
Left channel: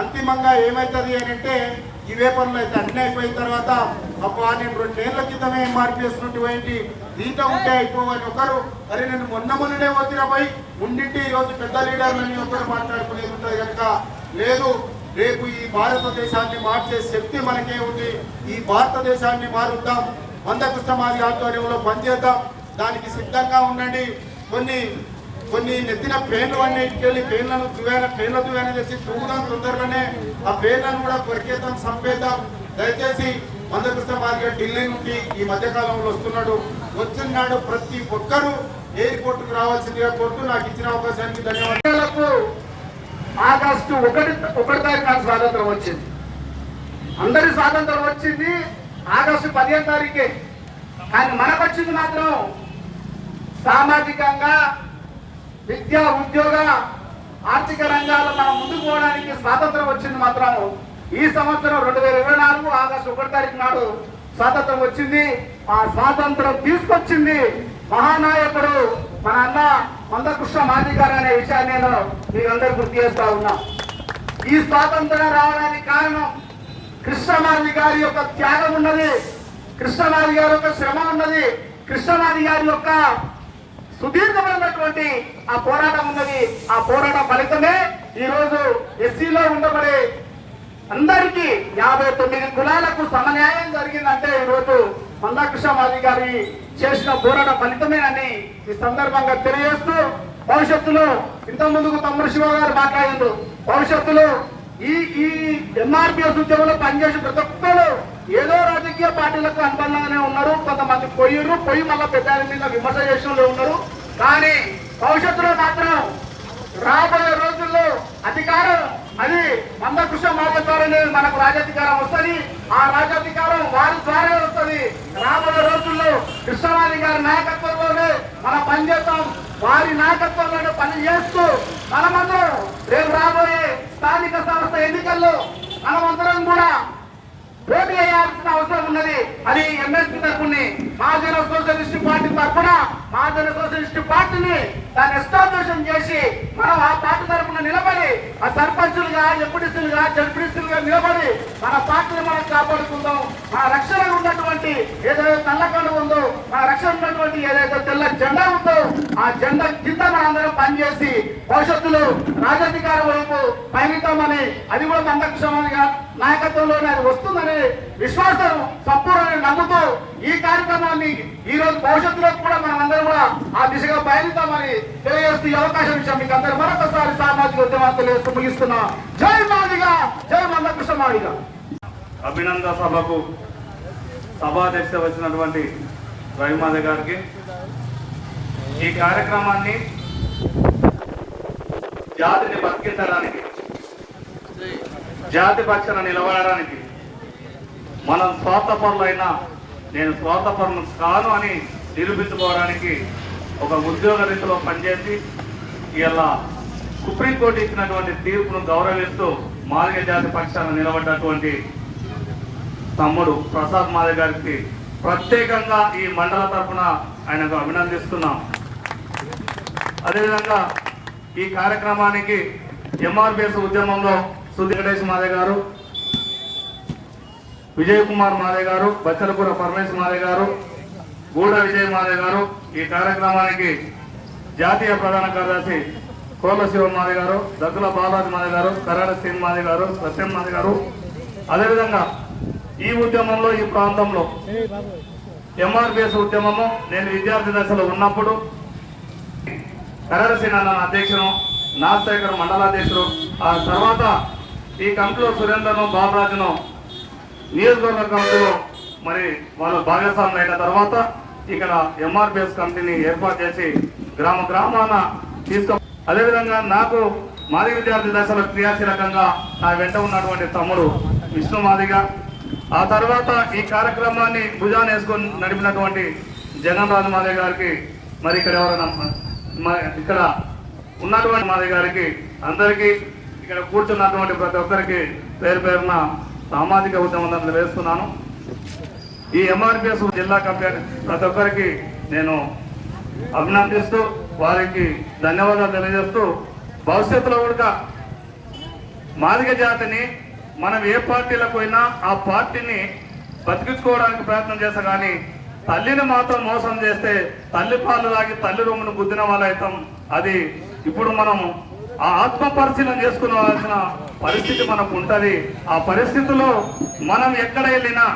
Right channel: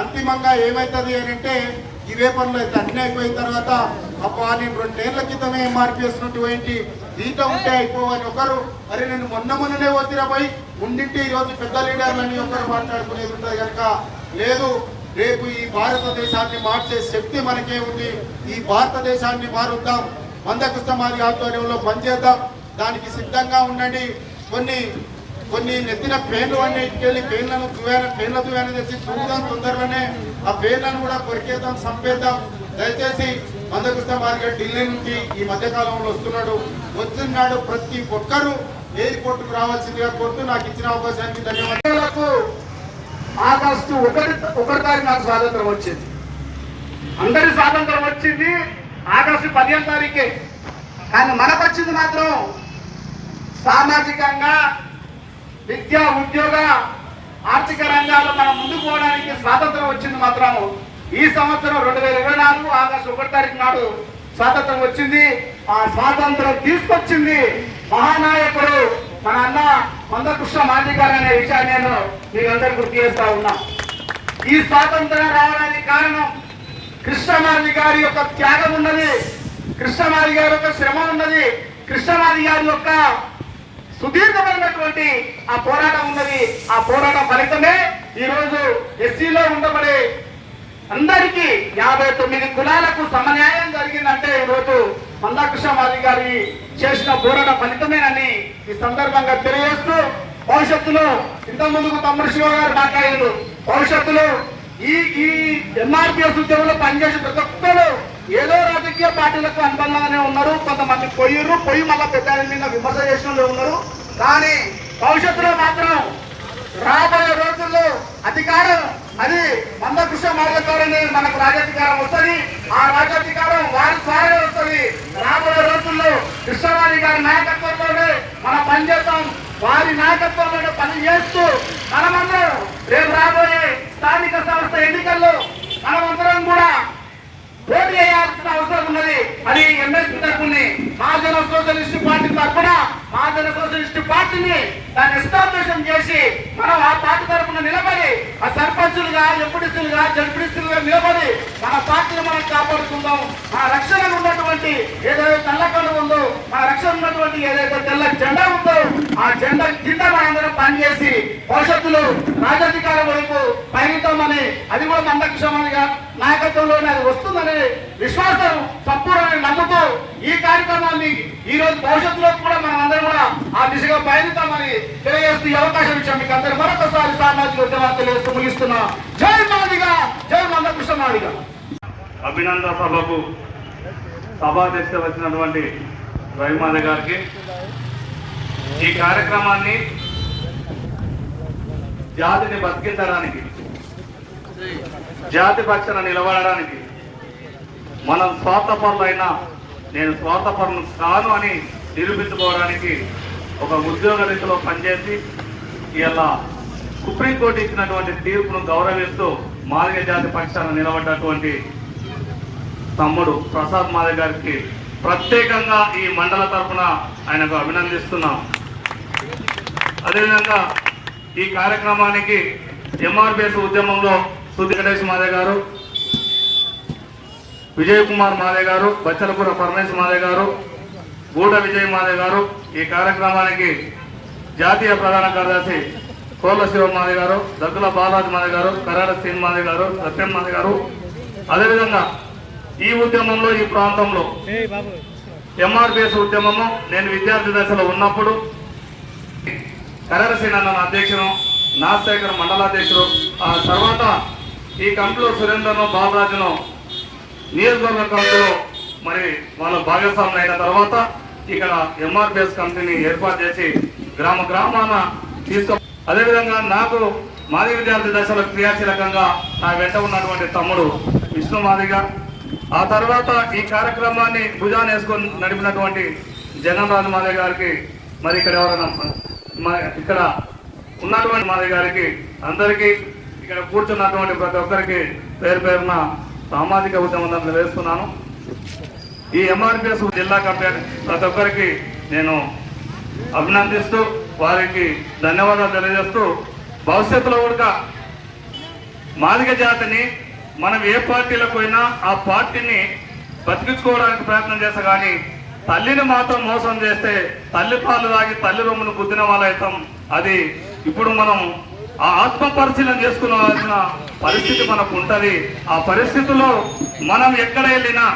అంతిమంగా ఏమవుతుంది అని అంటే ఇవే పనులు అయితే అన్ని అయిపోయిన తర్వాత అబ్బా నేను రెండేళ్ళ క్రితమే ఎంఆర్పీ చేసినటువంటి దీంట్లో ఉంటే అయిపోవని ఒకరు అరే నేను మొన్న మొన్ననే వచ్చిన పోయి ఉండింటి ఈరోజు పెద్ద లీడర్లని ఒకరు మాట్లాడుకునేది ఉంటుంది కనుక లేదు రేపు ఈ భారతదేశాన్ని మార్చే శక్తి మనకే ఉంది. ఈ భారతదేశాన్ని మారుద్దాం. మందకృష్ణ మాది ఆధ్వర్యంలో పనిచేద్దాం. దానికి సిద్ధంగా ఉండండి. కొన్ని కొన్ని నెత్తిన పేర్లు అన్నీ ఇటుకెళ్ళి పేర్లను తువేన పేర్ల తువేన చేసి చూడడం తొందరలోనే. ఆ పేర్లను కూడా కొరికేద్దాం చంపేద్దాం. దయచేసి మందకృష్ణ మార్గ ఢిల్లీ నుండి ఈ మధ్యకాలంలో వస్తున్నాడు. వస్తున్నాడు ప్రతి ఒక్కరూ ఎయిర్పోర్ట్ రావాల్సిందిగా కోరుతూ నాకు ఇచ్చిన అవకాశానికి ధన్యవాదాలు. ఆగస్టు ఒకటి ఒకటి తారీఖు నాకు స్వాతంత్రం వచ్చింది. అందరి స్వాతంత్రం వచ్చింది ఆగస్టు పదిహేను తారీఖే. కానీ మనకు వచ్చింది మాత్రం సామాజికంగా విద్య ఉద్యోగ ఆర్థిక రంగాల్లో మనం ముందుకు పోవడానికి స్వాతంత్రం వచ్చింది మాత్రం ఈ సంవత్సరం రెండు వేల ఇరవై నాలుగు ఆగస్టు ఒకటి తారీఖు నాడు స్వాతంత్రం వచ్చింది. ఆ స్వాతంత్రం తీసుకొచ్చింది మహానాయకుడు మన అన్న మందకృష్ణ మాదిగారు అనే విషయాన్ని నేను మీకు అందరు గుర్తు చేస్తా ఉన్నా. ఈ స్వాతంత్రం రావడానికి కారణం కృష్ణమాది గారి యొక్క త్యాగం ఉన్నది. కృష్ణమాది గారి యొక్క శ్రమ ఉన్నది. కృష్ణమాది గారి యొక్క సుదీర్ఘమైనటువంటి ఆ పోరాటం ఉన్నది. ఆ పోరాటం ఫలితమే ఈరోజు ఎస్సీలో ఉండబడే అందరికీ యాభై తొమ్మిది కులాలకు సమన్యాయం జరిగిందంటే ఈ రోజు మందాకృష్ణమాది గారి చేసిన పోరాట ఫలితమేనని ఈ సందర్భంగా తెలియజేస్తూ భవిష్యత్తులో ఇంత ముందుకు తమ్ముడు శివ గారు మాట్లాడారు. భవిష్యత్తులో ఈ ఈ ఎంఆర్పిఎస్ ఉద్యమంలో పనిచేసే ప్రతి ఒక్కరు ఏదో రాజకీయ పార్టీలకు అనుబంధంగానే ఉన్నారు. కొంతమంది పొయ్యిరు పొయ్యి మళ్ళా పెద్ద మీద విమర్శ చేసిన ఉన్నారు. కానీ భవిష్యత్తులో మాత్రం రాబోయే రోజుల్లో అధికారం అది మందకృష్ణ మార్గం ద్వారానే మనకు రాజాధికారం వస్తుంది. ఆ రాజాధికారం వారి ద్వారా వస్తుంది. రాబోయే రోజుల్లో కృష్ణవాణి గారి నాయకత్వంలోనే మనం పనిచేస్తాం వారి నాయకత్వంలోనే పని చేస్తూ మనమందరం రేపు రాబోయే స్థానిక సంస్థ ఎన్నికల్లో మనమందరం కూడా పోటీ చేయాల్సిన అవసరం ఉన్నది. అది ఎంఎస్పీ తరఫుని మహాజన సోషలిస్ట్ పార్టీ తరఫున మహాజన సోషలిస్ట్ పార్టీని దాన్ని ఎస్టాబ్లిషన్ చేసి మనం ఆ పార్టీ తరఫున నిలబడి ఆ సర్పంచులుగా ఎంపీడీసీలుగా జడ్పీడీసీలుగా నిలబడి మన పార్టీని మనం కాపాడుకుందాం. మన రక్షణ ఉన్నటువంటి ఏదైతే నల్లకొండ ఉందో మన రక్షణ ఉన్నటువంటి ఏదైతే తెల్ల జెండా ఉందో ఆ జెండా కింద మనందరం పనిచేసి భవిష్యత్తులో రాజాధికారం వైపు పయనిద్దామని అది కూడా మందకృష్ణమనిగా నాయకత్వంలోనే అది వస్తుందని విశ్వాసం సంపూర్ణంగా నమ్ముతూ ఈ కార్యక్రమాన్ని ఈ రోజు భవిష్యత్తులో కూడా మనం అందరం కూడా ఆ దిశగా పయనిద్దామని తెలియజేస్తూ ఈ అవకాశం ఇచ్చాం మీకు అందరు. మరొకసారి సామాజిక ఉద్యమాలు తెలియజేస్తూ ముగిస్తున్నా. జై మాదిగా! జై మందకృష్ణ మాదిగా! అభినందన సభకు సభాధ్యక్ష వచ్చినటువంటి రవిమాధ గారికి. ఈ కార్యక్రమాన్ని జాతిని బతికించడానికి జాతి పక్షాన నిలబడడానికి మనం స్వార్థపరులైనా నేను స్వార్థపరులు కాను అని నిరూపించుకోవడానికి ఒక ఉద్యోగ రీతిలో పనిచేసి ఇలా సుప్రీంకోర్టు ఇచ్చినటువంటి తీర్పును గౌరవిస్తూ మాదిగ జాతి పక్షాన నిలబడ్డటువంటి తమ్ముడు ప్రసాద్ మాదిగ గారికి ప్రత్యేకంగా ఈ మండల తరఫున ఆయనకు అభినందిస్తున్నాం. అదేవిధంగా ఈ కార్యక్రమానికి ఎంఆర్పిఎస్ ఉద్యమంలో సుద్ది గణేష్ మాదే గారు విజయ్ కుమార్ మాదే గారు బచ్చలపుర పరమేశ్ మాదే గారు గూడ విజయ్ మాదే గారు ఈ కార్యక్రమానికి జాతీయ ప్రధాన కార్యదర్శి కోర్ల శివ మాదే గారు దగ్గుల బాలాజీ మాదే గారు కరాడ శ్రీన్ మాదే గారు సత్యం మాదే గారు. అదేవిధంగా ఈ ఉద్యమంలో ఈ ప్రాంతంలో ఎంఆర్పిఎస్ ఉద్యమము నేను విద్యార్థి దశలో ఉన్నప్పుడు కరరసేన అన్న అధ్యక్షుడు నాగశేఖర్ మండలాధ్యక్షుడు ఆ తర్వాత ఈ కమిటీలో సురేందర్ను బాలరాజును నియోజకవర్గ కమిటీలో మరి వాళ్ళు భాగస్వాములు అయిన తర్వాత ఇక్కడ ఎంఆర్పిఎస్ కమిటీని ఏర్పాటు చేసి గ్రామ గ్రామాన తీసుకో అదేవిధంగా నాకు మాది విద్యార్థి దశలో క్రియాశీలకంగా నా వెంట ఉన్నటువంటి తమ్ముడు విష్ణు మాదిగ. ఆ తర్వాత ఈ కార్యక్రమాన్ని భుజాన్ని వేసుకొని నడిపినటువంటి జగన్ రాజు మాదే గారికి మరి ఇక్కడ ఎవరైనా ఇక్కడ ఉన్నటువంటి మాదే గారికి అందరికీ ఇక్కడ కూర్చున్నటువంటి ప్రతి ఒక్కరికి పేరు పేరున సామాజిక ఉద్యమం వేస్తున్నాను. ఈ ఎంఆర్పిఎస్ జిల్లా కమిటీ ప్రతి ఒక్కరికి నేను అభినందిస్తూ వారికి ధన్యవాదాలు తెలియజేస్తూ భవిష్యత్తులో కూడా మాదిగ జాతిని మనం ఏ పార్టీలకు పోయినా ఆ పార్టీని బతికించుకోవడానికి ప్రయత్నం చేస్తా కానీ తల్లిని మాత్రం మోసం చేస్తే తల్లి పాలు తాగి తల్లి రొమ్మును గుద్దిన వాళ్ళైతాం. అది ఇప్పుడు మనం ఆ ఆత్మ పరిశీలన చేసుకోవాల్సిన పరిస్థితి మనకు ఉంటుంది ఆ పరిస్థితిలో మనం ఎక్కడ వెళ్ళినా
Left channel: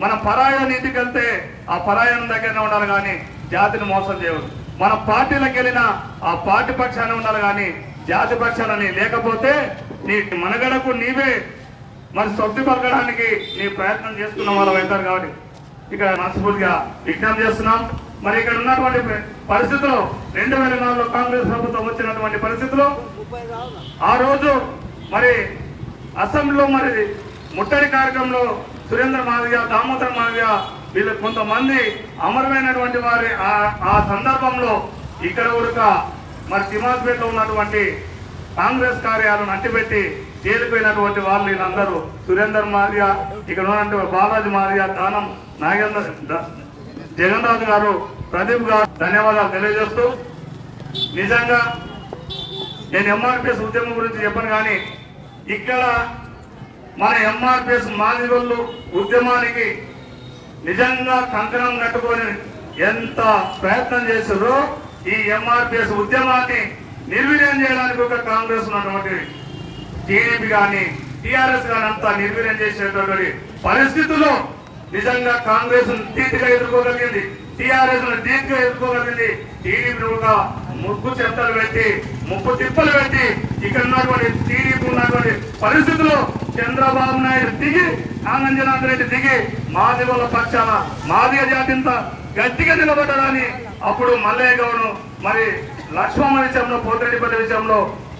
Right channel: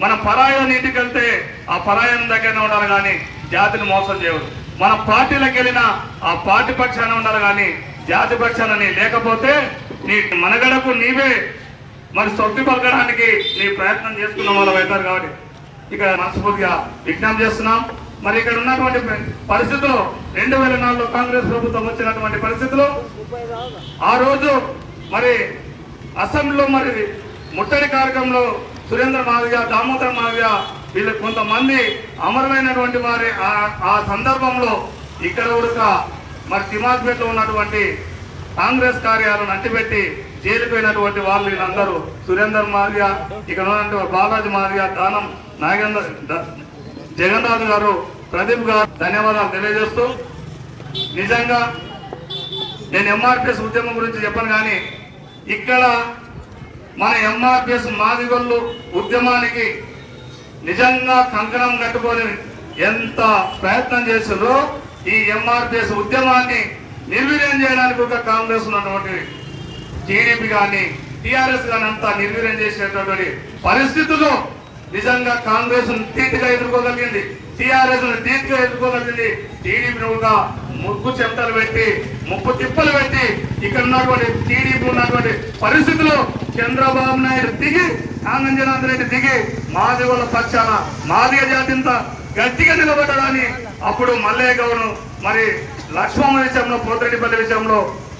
మన పరాయణ ఇంటికి వెళ్తే ఆ పరాయణ దగ్గరనే ఉండాలి కానీ జాతిని మోసం చేయవద్దు. మన పార్టీలకు వెళ్ళినా ఆ పార్టీ పక్షాన ఉండాలి కానీ జాతి పక్షానని లేకపోతే నీ మనగడకు నీవే మరి సొప్పి పలకడానికి నీ ప్రయత్నం చేసుకున్న వాళ్ళు అవుతారు కాబట్టి ఇక మనస్ఫూర్తిగా విజ్ఞప్తి చేస్తున్నాం. మరి ఇక్కడ ఉన్నటువంటి పరిస్థితులు రెండు వేల నాలుగులో కాంగ్రెస్ ప్రభుత్వం వచ్చినటువంటి పరిస్థితులు. ఆ రోజు మరి అసెంబ్లీలో మరి ముట్టడి కార్యక్రమంలో సురేంద్ర మాదిగ దామోదర్ మాదిగ వీళ్ళు కొంతమంది అమరమైనటువంటి వారి ఆ- సందర్భంలో ఇక్కడ ఉడక మరి తిమాజ్పేటలో ఉన్నటువంటి కాంగ్రెస్ కార్యాలను అంటిపెట్టి జైలుకు వాళ్ళు వీళ్ళందరూ. సురేందర్ మాదిగ ఇక్కడ ఉన్నటువంటి బాలాజీ మాదిగ దానం నాగేంద్ర జగన్నాథ్ గారు ప్రదీప్ గారు ధన్యవాదాలు తెలియజేస్తూ నిజంగా నేను ఎంఆర్పిఎస్ ఉద్యమం గురించి చెప్పను కానీ ఇక్కడ మన ఎంఆర్పిఎస్ మాదిగొల్లు ఉద్యమానికి నిజంగా కంకణం కట్టుకొని ఎంత ప్రయత్నం చేసిందో ఈ ఎంఆర్పిఎస్ ఉద్యమాన్ని నిర్వీర్యం చేయడానికి ఒక కాంగ్రెస్ ఉన్నటువంటి టీడీపీ కానీ టీఆర్ఎస్ కానీ అంతా నిర్వీర్యం చేసేటటువంటి పరిస్థితుల్లో నిజంగా కాంగ్రెస్ ధీటుగా ఎదుర్కోగలిగింది. టీఆర్ఎస్ ధీటుగా ఎదుర్కోగలిగింది. టీడీపీ కూడా ముగ్గు చెంతలు పెట్టి ముప్పు తిప్పలు పెట్టి ఇక్కడ ఉన్నటువంటి టీడీపీ ఉన్నటువంటి పరిస్థితుల్లో చంద్రబాబు నాయుడు దిగి ఆనంజనాథ్ రెడ్డి దిగి మాదిగోళ్ళ పక్షాన మాదిగ జాతింత గట్టిగా నిలబడ్డాడని అప్పుడు మల్లయ్య గౌను మరి లక్ష్మణ విషయంలో పోతిరెడ్డిపల్లి విషయంలో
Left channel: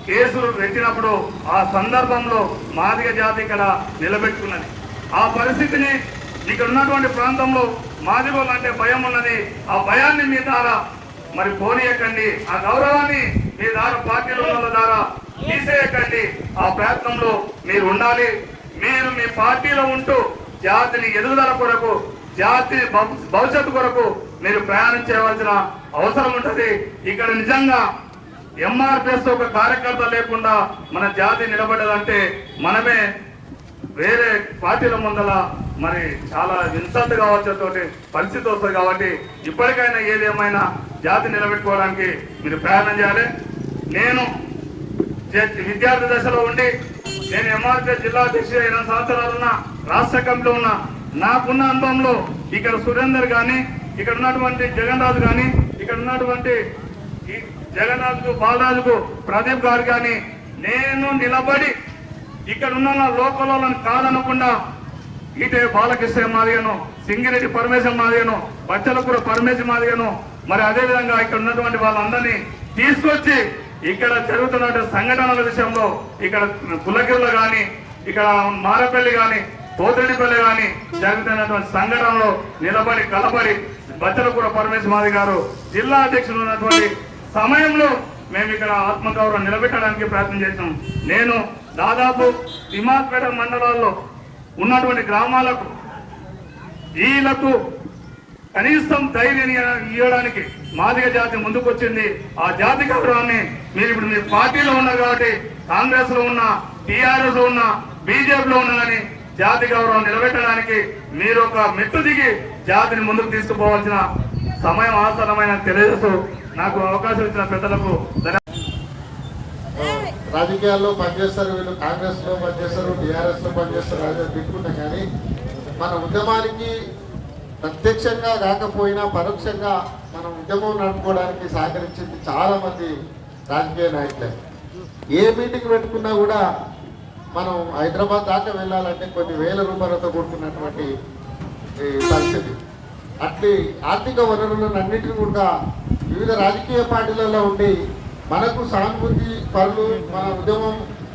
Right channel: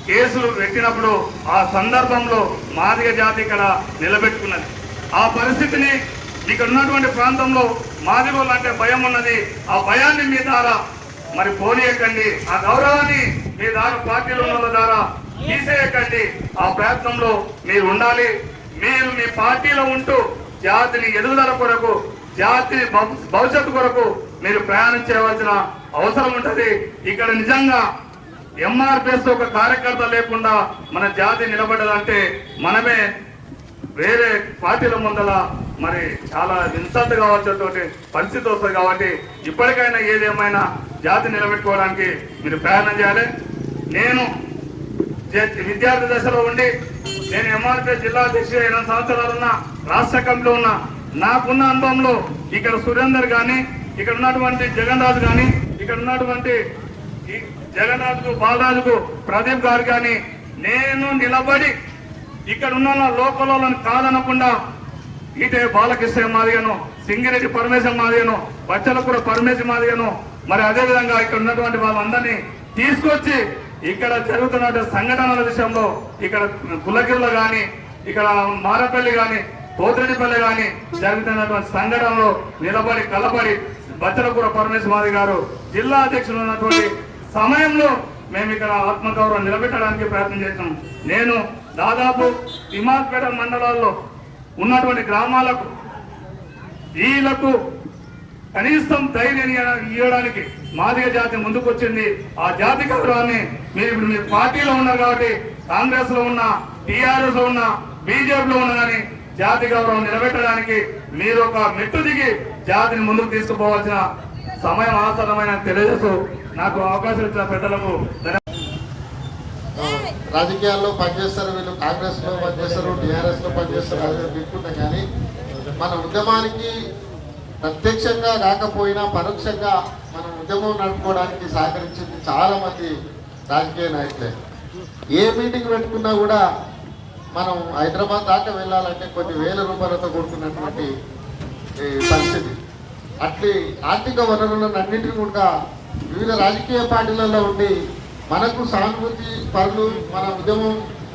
కేసులు పెట్టినప్పుడు ఆ సందర్భంలో మాదిగ జాతి ఇక్కడ నిలబెట్టుకున్నది. ఆ పరిస్థితిని ఇక్కడ ఉన్నటువంటి ప్రాంతంలో మాదిగోళ్ళు అంటే భయం ఉన్నది. ఆ భయాన్ని మీ ద్వారా మరి పోనీయకండి. ఆ గౌరవాన్ని మీ ద్వారా పార్టీలో ఉన్న వాళ్ళ ద్వారా తీసేయకండి. ఆ ప్రయత్నంలో మీరు ఉండాలి. మీరు మీ పార్టీలో ఉంటూ జాతిని ఎదుగుదల కొరకు జాతి భవిష్యత్తు కొరకు మీరు ప్రయాణం చేయవలసిన అవసరం ఉంటుంది. ఇక్కడ నిజంగా ఎంఆర్పిఎస్ ఒక కార్యకర్త లేకుండా మన జాతి నిలబడదంటే మనమే వేరే పార్టీల ముందల మరి చాలా ఇన్సల్ట్ కావచ్చే పరిస్థితి వస్తుంది కాబట్టి ఇప్పటికైనా ఏదేమైనా జాతి నిలబెట్టుకోవడానికి మీరు ప్రయాణం చేయాలి. నేను జ- విద్యార్థి దశలో ఉండి నేను ఎంఆర్పీ జిల్లా అధ్యక్షుడు ఎనిమిది సంవత్సరాలు ఉన్న రాష్ట్ర కమిటీలో ఉన్న నాకున్న అనుభవంలో ఇక్కడ సురేందర్ కానీ ఇక్కడ ఉన్నటువంటి జగన్ రాజు కానీ ఇక్కడ ఉన్నటువంటి జగన్ రాజుకు బాలరాజుకు ప్రదీప్ గారు కానీ నేను నిలబడి ఇక్కడ ఉన్న లోకల్ కాదనకుండా ఇటే బాలకృష్ణ మాదిగను సింగిరెడ్డి పరమేశ్వర మాదిగను బచ్చలకూడ పరమేశ్వర మాదిగను. మరి అదే విధంగా ఇక్కడ ఉన్నటువంటి వాళ్ళందరినీ తీసుకొచ్చి ఇక్కడ జరుగుతున్న సంఘటనల విషయంలో ఇక్కడ పుల్లగిరిలో కానీ ఇక్కడ మారపల్లి కానీ పోతడిపల్లి కానీ జరుగుతున్నటువంటి సంఘటనలో నిలబడి కలబడి బచ్చలకూడ పరమేశ్వర మాది గారు జిల్లా అధ్యక్షులు ఉన్నటువంటి సమయంలో మేము ఇక్కడ ఆత్మగౌరవం నిలబెట్టడానికి ప్రయత్నం చేసాం నేను దాదాపు తిమాజ్పేట మండలాల్లో ఉన్నటువంటి గ్రామాలకు వీళ్ళకు కనీసం ధైర్యం ఇవ్వడానికి మాదిగ జాతి ముందుకొచ్చింది. ఆ జాతి గౌరవాన్ని మీరు ఇప్పుడు మీరు పార్టీలో ఉన్నారు కాబట్టి కాంగ్రెస్లో ఉన్న టీఆర్ఎస్లో ఉన్న బీజేపీలో ఉన్న కానీ జాతి గౌరవం నిలబెట్టడానికి మీరు ఒక మెట్టు దిగి జాతిని ముందుకు తీసుకుపోవాల్సిన సమయం ఆసన్నమైన తెలియజేస్తూ నాకు అవకాశం ఇచ్చిన పెద్దలకు ధన్యవాదాలు రాజకీయాల్లో పనిచేస్తారు వీళ్ళు కాంగ్రెస్లో పనిచేస్తారు టీఆర్ఎస్లో పనిచేస్తారు అదే దిక్కుంటాం కానీ మన ఉద్యమానికి ప్రత్యక్షంగా కాకపోయినా పరోక్షంగా మనం ఉద్యమం నడుపుకోవడానికి సహకరించింది చాలా మంది రాజకీయ నాయకులే. ఏ మీటింగ్ పెట్టుకున్నా కూడా మనం హైదరాబాద్ దాకా వెళ్ళాలంటే కొన్ని వేల రూపాయలతో కూడుకున్నటువంటి పరిస్థితి. అట్లీ ఆర్థిక వనరులను అన్నింటినీ కూడా వివిధ రాజకీయ పార్టీలలో ఉండి మనకు సానుభూతి పరులు మన ఉద్యమం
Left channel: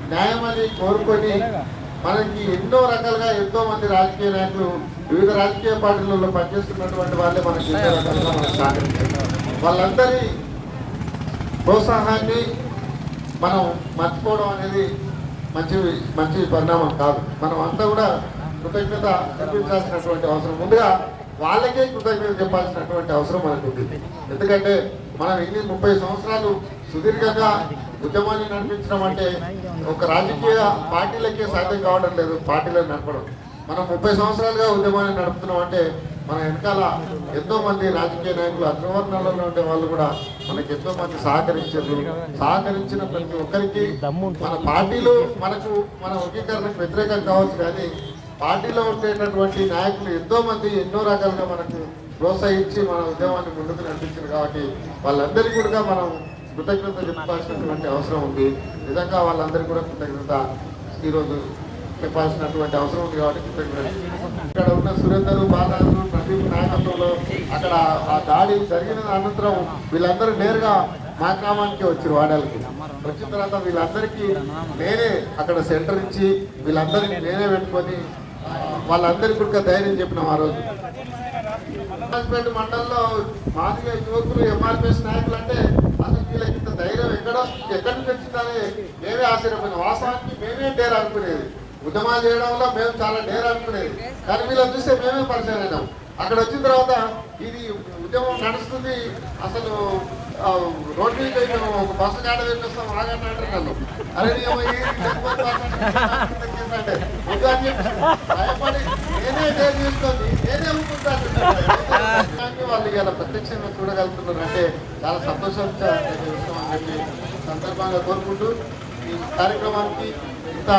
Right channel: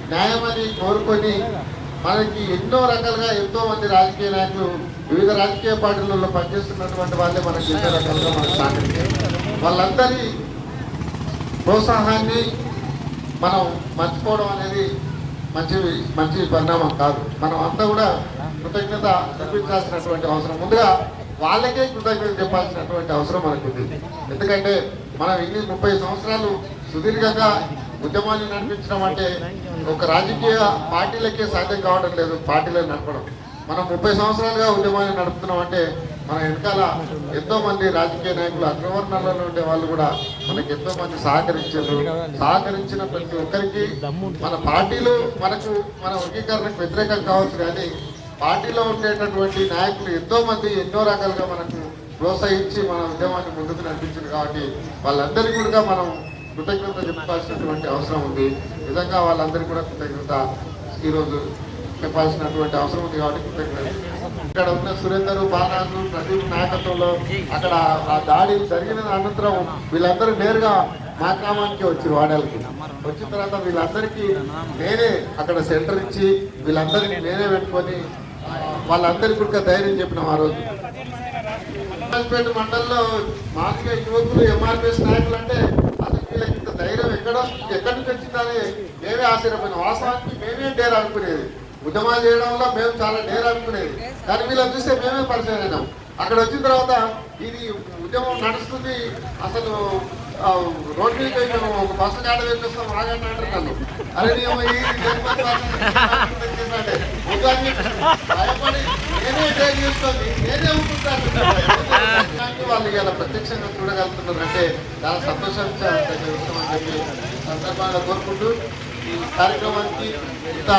న్యాయమని కోరుకొని మనకి ఎన్నో రకాలుగా ఎంతో మంది రాజకీయ నాయకులు వివిధ రాజకీయ పార్టీలలో పనిచేస్తున్నటువంటి వాళ్ళే మనకి ఎన్నో రకాలుగా మనకు సహకరించారు. వాళ్ళందరి ప్రోత్సాహాన్ని మనం మర్చిపోవడం అనేది మంచి మంచి పరిణామం కాదు. మనం అంతా కూడా కృతజ్ఞత చూపించాల్సినటువంటి అవసరం. ముందుగా వాళ్ళకే కృతజ్ఞత చెప్పాల్సినటువంటి అవసరం మనకు ఉంది ఎందుకంటే మనం ఇన్ని ముప్పై సంవత్సరాలు సుదీర్ఘంగా ఉద్యమాన్ని నడిపించడం అంటే ఒక రాజకీయ పార్టీలకే సాధ్యం కావడం లేదు పార్టీలను నడపడం. మనం ముప్పై సంవత్సరాలుగా ఉద్యమాన్ని నడుపుతున్నాం అంటే మన వెనకాల ఎంతో మంది రాజకీయ నాయకులు అగ్రవర్ణాలలో ఉండే వాళ్ళు కూడా మనకి ఎంతో మంది సహకరించారు. సహకరించిన ప్రతి ఒక్కరికి మన పార్టీలు మనకు మన వర్గీకరణకు వ్యతిరేకం కావచ్చు కానీ పార్టీలో ఉండేటటువంటి నాయకులు ఎంతో మంది ఎన్నో రకాలుగా మనకు ప్రోత్సహించి మన ఉద్యమాన్ని ముందుకు నడిపించారు కాబట్టి వాళ్ళందరికీ కూడా మనం కృతజ్ఞత చెప్పాల్సినటువంటి అవసరం ఉంది. నిజంగా వాళ్ళందరికీ కూడా కృతజ్ఞత ఈరోజు చెప్పాల్సినటువంటి అవసరం ఉంది కాబట్టి కృతజ్ఞత. ఇక్కడ ఉన్న సురేందర్ బాలరాజు ప్రదీప్ నాయకత్వంలో అక్కడ ఆ దాడి జరిగిన అనంతరం వీళ్ళందరూ నేరుగా మా గ్రామానికి వచ్చారు వాడలకి. వచ్చిన తర్వాత వీళ్ళందరికీ నేనే అక్కడ సెంటర్ ఇచ్చి వీళ్ళందరినీ నేనే పెట్టుకొని వాళ్ళందరికీ కూడా ధైర్యం చెప్పినాం ఆ రోజు. రాజపేట మండలంలో మాదిగా యువకులు ఎంఆర్పిఎస్ నాయకులు అంటే అసలు వీళ్ళకి ఇంత ధైర్యం ఎక్కడ ఎక్కడి నుంచి వచ్చిందని మేమే ఆశ్చర్యపోయిన. వాస్తవానికి మేమే డేర్ అనుకునేది. ఉద్యమాలు చేయడం వల్ల మేము చాలా డేర్ అనుకునేది. కానీ వీళ్ళని చూస్తే మేమే పరిచయం అయినాం. అక్కడ వచ్చిన తర్వాత ఇది ఉద్యమం నడుస్తుంది. అసలు రోడ్డు మీద మేము ఒక బస్సు కాడ పెట్టేస్తాం ఆగండి అంటారు నన్ను. అరే నేను అంటే భయపడి నేనే డేర్ చేసుకొని నేనే ఊపుకుంటాను వాళ్ళు ఇలా ప్రత్యక్షంగా చూడగలుగుతున్నారు అంటే చాలా సంతోషించే విషయం అని చెప్పి సందర్భంగా కోరుకుంటూ ఈ కార్యక్రమానికి ఇంత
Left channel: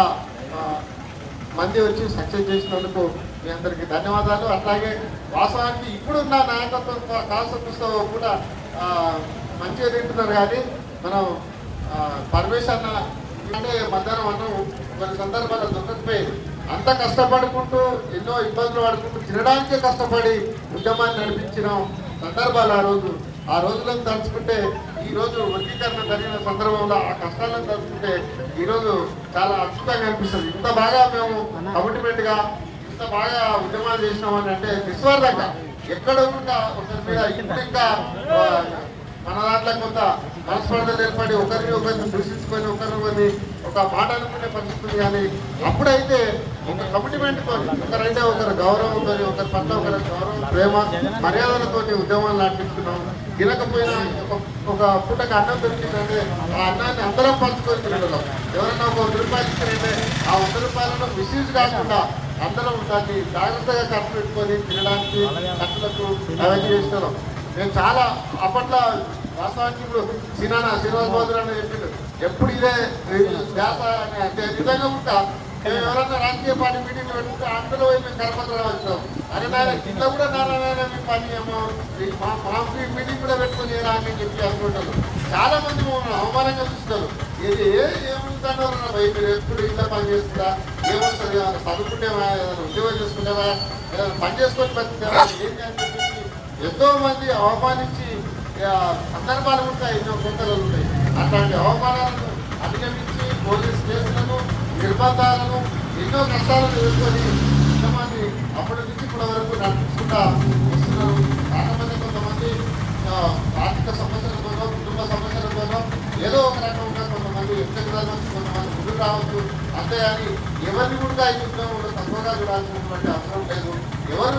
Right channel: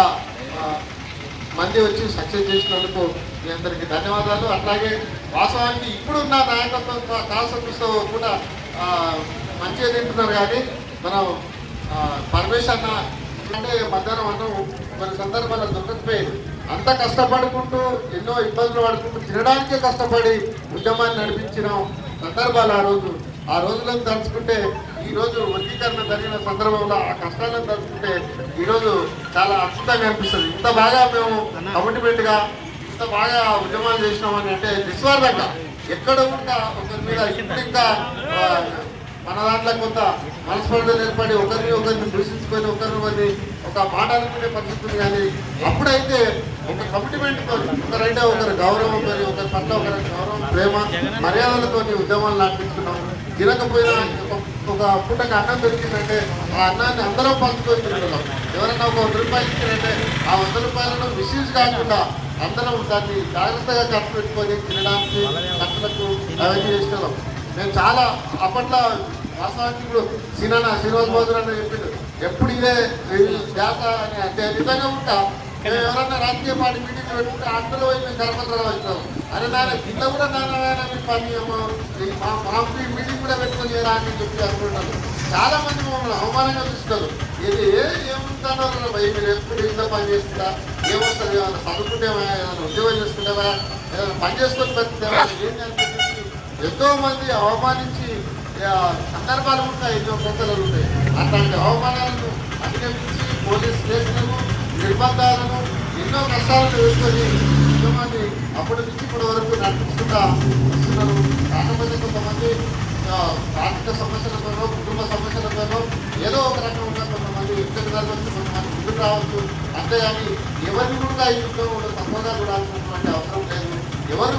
మంది వచ్చి సక్సెస్ చేసినందుకు మీ అందరికీ ధన్యవాదాలు. అట్లాగే వాస్తవానికి ఇప్పుడున్న నాయకత్వం కాలసత్వ కూడా మంచిగా తింటున్నారు కానీ మనం ఆ, అంటే మధ్యాహ్నం అన్నం కొన్ని సందర్భాల్లో దొరకకపోయేది. అంత కష్టపడుకుంటూ ఎన్నో ఇబ్బందులు పడుకుంటూ తినడానికే కష్టపడి ఉద్యమాన్ని నడిపించిన సందర్భాలు ఆ రోజు. ఆ రోజులను తలుచుకుంటే ఈరోజు వర్గీకరణ జరిగిన సందర్భంలో ఆ కష్టాలను తలుచుకుంటే ఈరోజు చాలా అద్భుతంగా అనిపిస్తుంది. ఇంత బాగా మేము కమిట్మెంట్గా ఇంత బాగా ఉద్యమాలు చేసినామని అంటే నిస్వార్థంగా. ఎక్కడ కూడా ఒకరి మీద ఇప్పుడు ఇంకా మన దాంట్లో కొంత మనస్పర్ధలు ఏర్పడి ఒకరిని ఒకరిని దూషించుకొని ఒకరిని ఒకరిని ఒక మాట అనుకునే పరిస్థితి కానీ అప్పుడైతే ఒక కమిట్మెంట్తో తోని ఒకరైతే గౌరవం గౌరవంతో ఒకరి పట్ల ఒకరి గౌరవం ప్రేమ మర్యాదలతో ఉద్యమాలు నడిపించుకున్నాం. తినకపోయినా ఒక- ఒక పూటకి అన్నం దొరికిందంటే ఆ అన్నాన్ని అందరం పంచుకొని తినడం ఎవరైనా ఒక వంద రూపాయలు ఇచ్చారంటే ఆ వంద రూపాయలను మిస్యూజ్ కాకుండా అందరం దాన్ని జాగ్రత్తగా ఖర్చు పెట్టుకొని తినడానికి ఖర్చులకు అవన్నీ చేస్తున్నాం నేను చాలా అప్పట్లో వాస్తవానికి ఇప్పుడు సినానా శ్రీనివాస్ అని చెప్పిండు. ఎప్పుడు ఇదే ఈ ధ్యాస అని అంటే నిజంగా ఉంటా మేము ఎవరన్నా రాజకీయ పార్టీ మీటింగ్ పెట్టుకుంటే అందులో పోయి మేము కరపత్రాలు వచ్చినాం అరే నాయన కింద కూడా నాన్న నాయన మీ పని ఏమో మా మా మీటింగ్ కూడా పెట్టుకొని అని చెప్పి అనుకుంటారు చాలా మంది మమ్మల్ని అవమానంగా చూస్తారు ఇది ఏ- భయ మీరు ఎప్పుడు ఇంట్లో పని చేస్తుందా ఏమొస్తుంది ఏమైనా చదువుకుంటేవా ఏదైనా ఉద్యోగం చేసుకుంటేవా ఏదైనా పని చేసుకొని బతుకుతేవా ఏం అని ఎంతోమంది ఎంతో మంది అవమానించి సందర్భాలు ఉంటాయి ఎన్నో కొత్తలు ఉంటాయి. అట్లాంటి అవమానాలను అధిగమించి పోలీస్ కేసులను నిర్బంధాలను ఎన్నో కష్టాలను ఎదుర్కొని ఉద్యమాన్ని అప్పటి నుంచి ఇప్పటి వరకు నడిపించుకుంటా వస్తున్నారు. కాకపోతే కొంతమంది ఆర్థిక సమస్యలతోనో కుటుంబ సమస్యలతోనో ఏదో ఒక రకంగా కొంతమంది ఇంటికి రావచ్చు కొంతమంది ముందుకు రావచ్చు. అంతే అని ఎవరిని కూడా ఈ యుద్ధంలో తక్కువగా చూడాల్సినటువంటి అవసరం లేదు. ఎవరు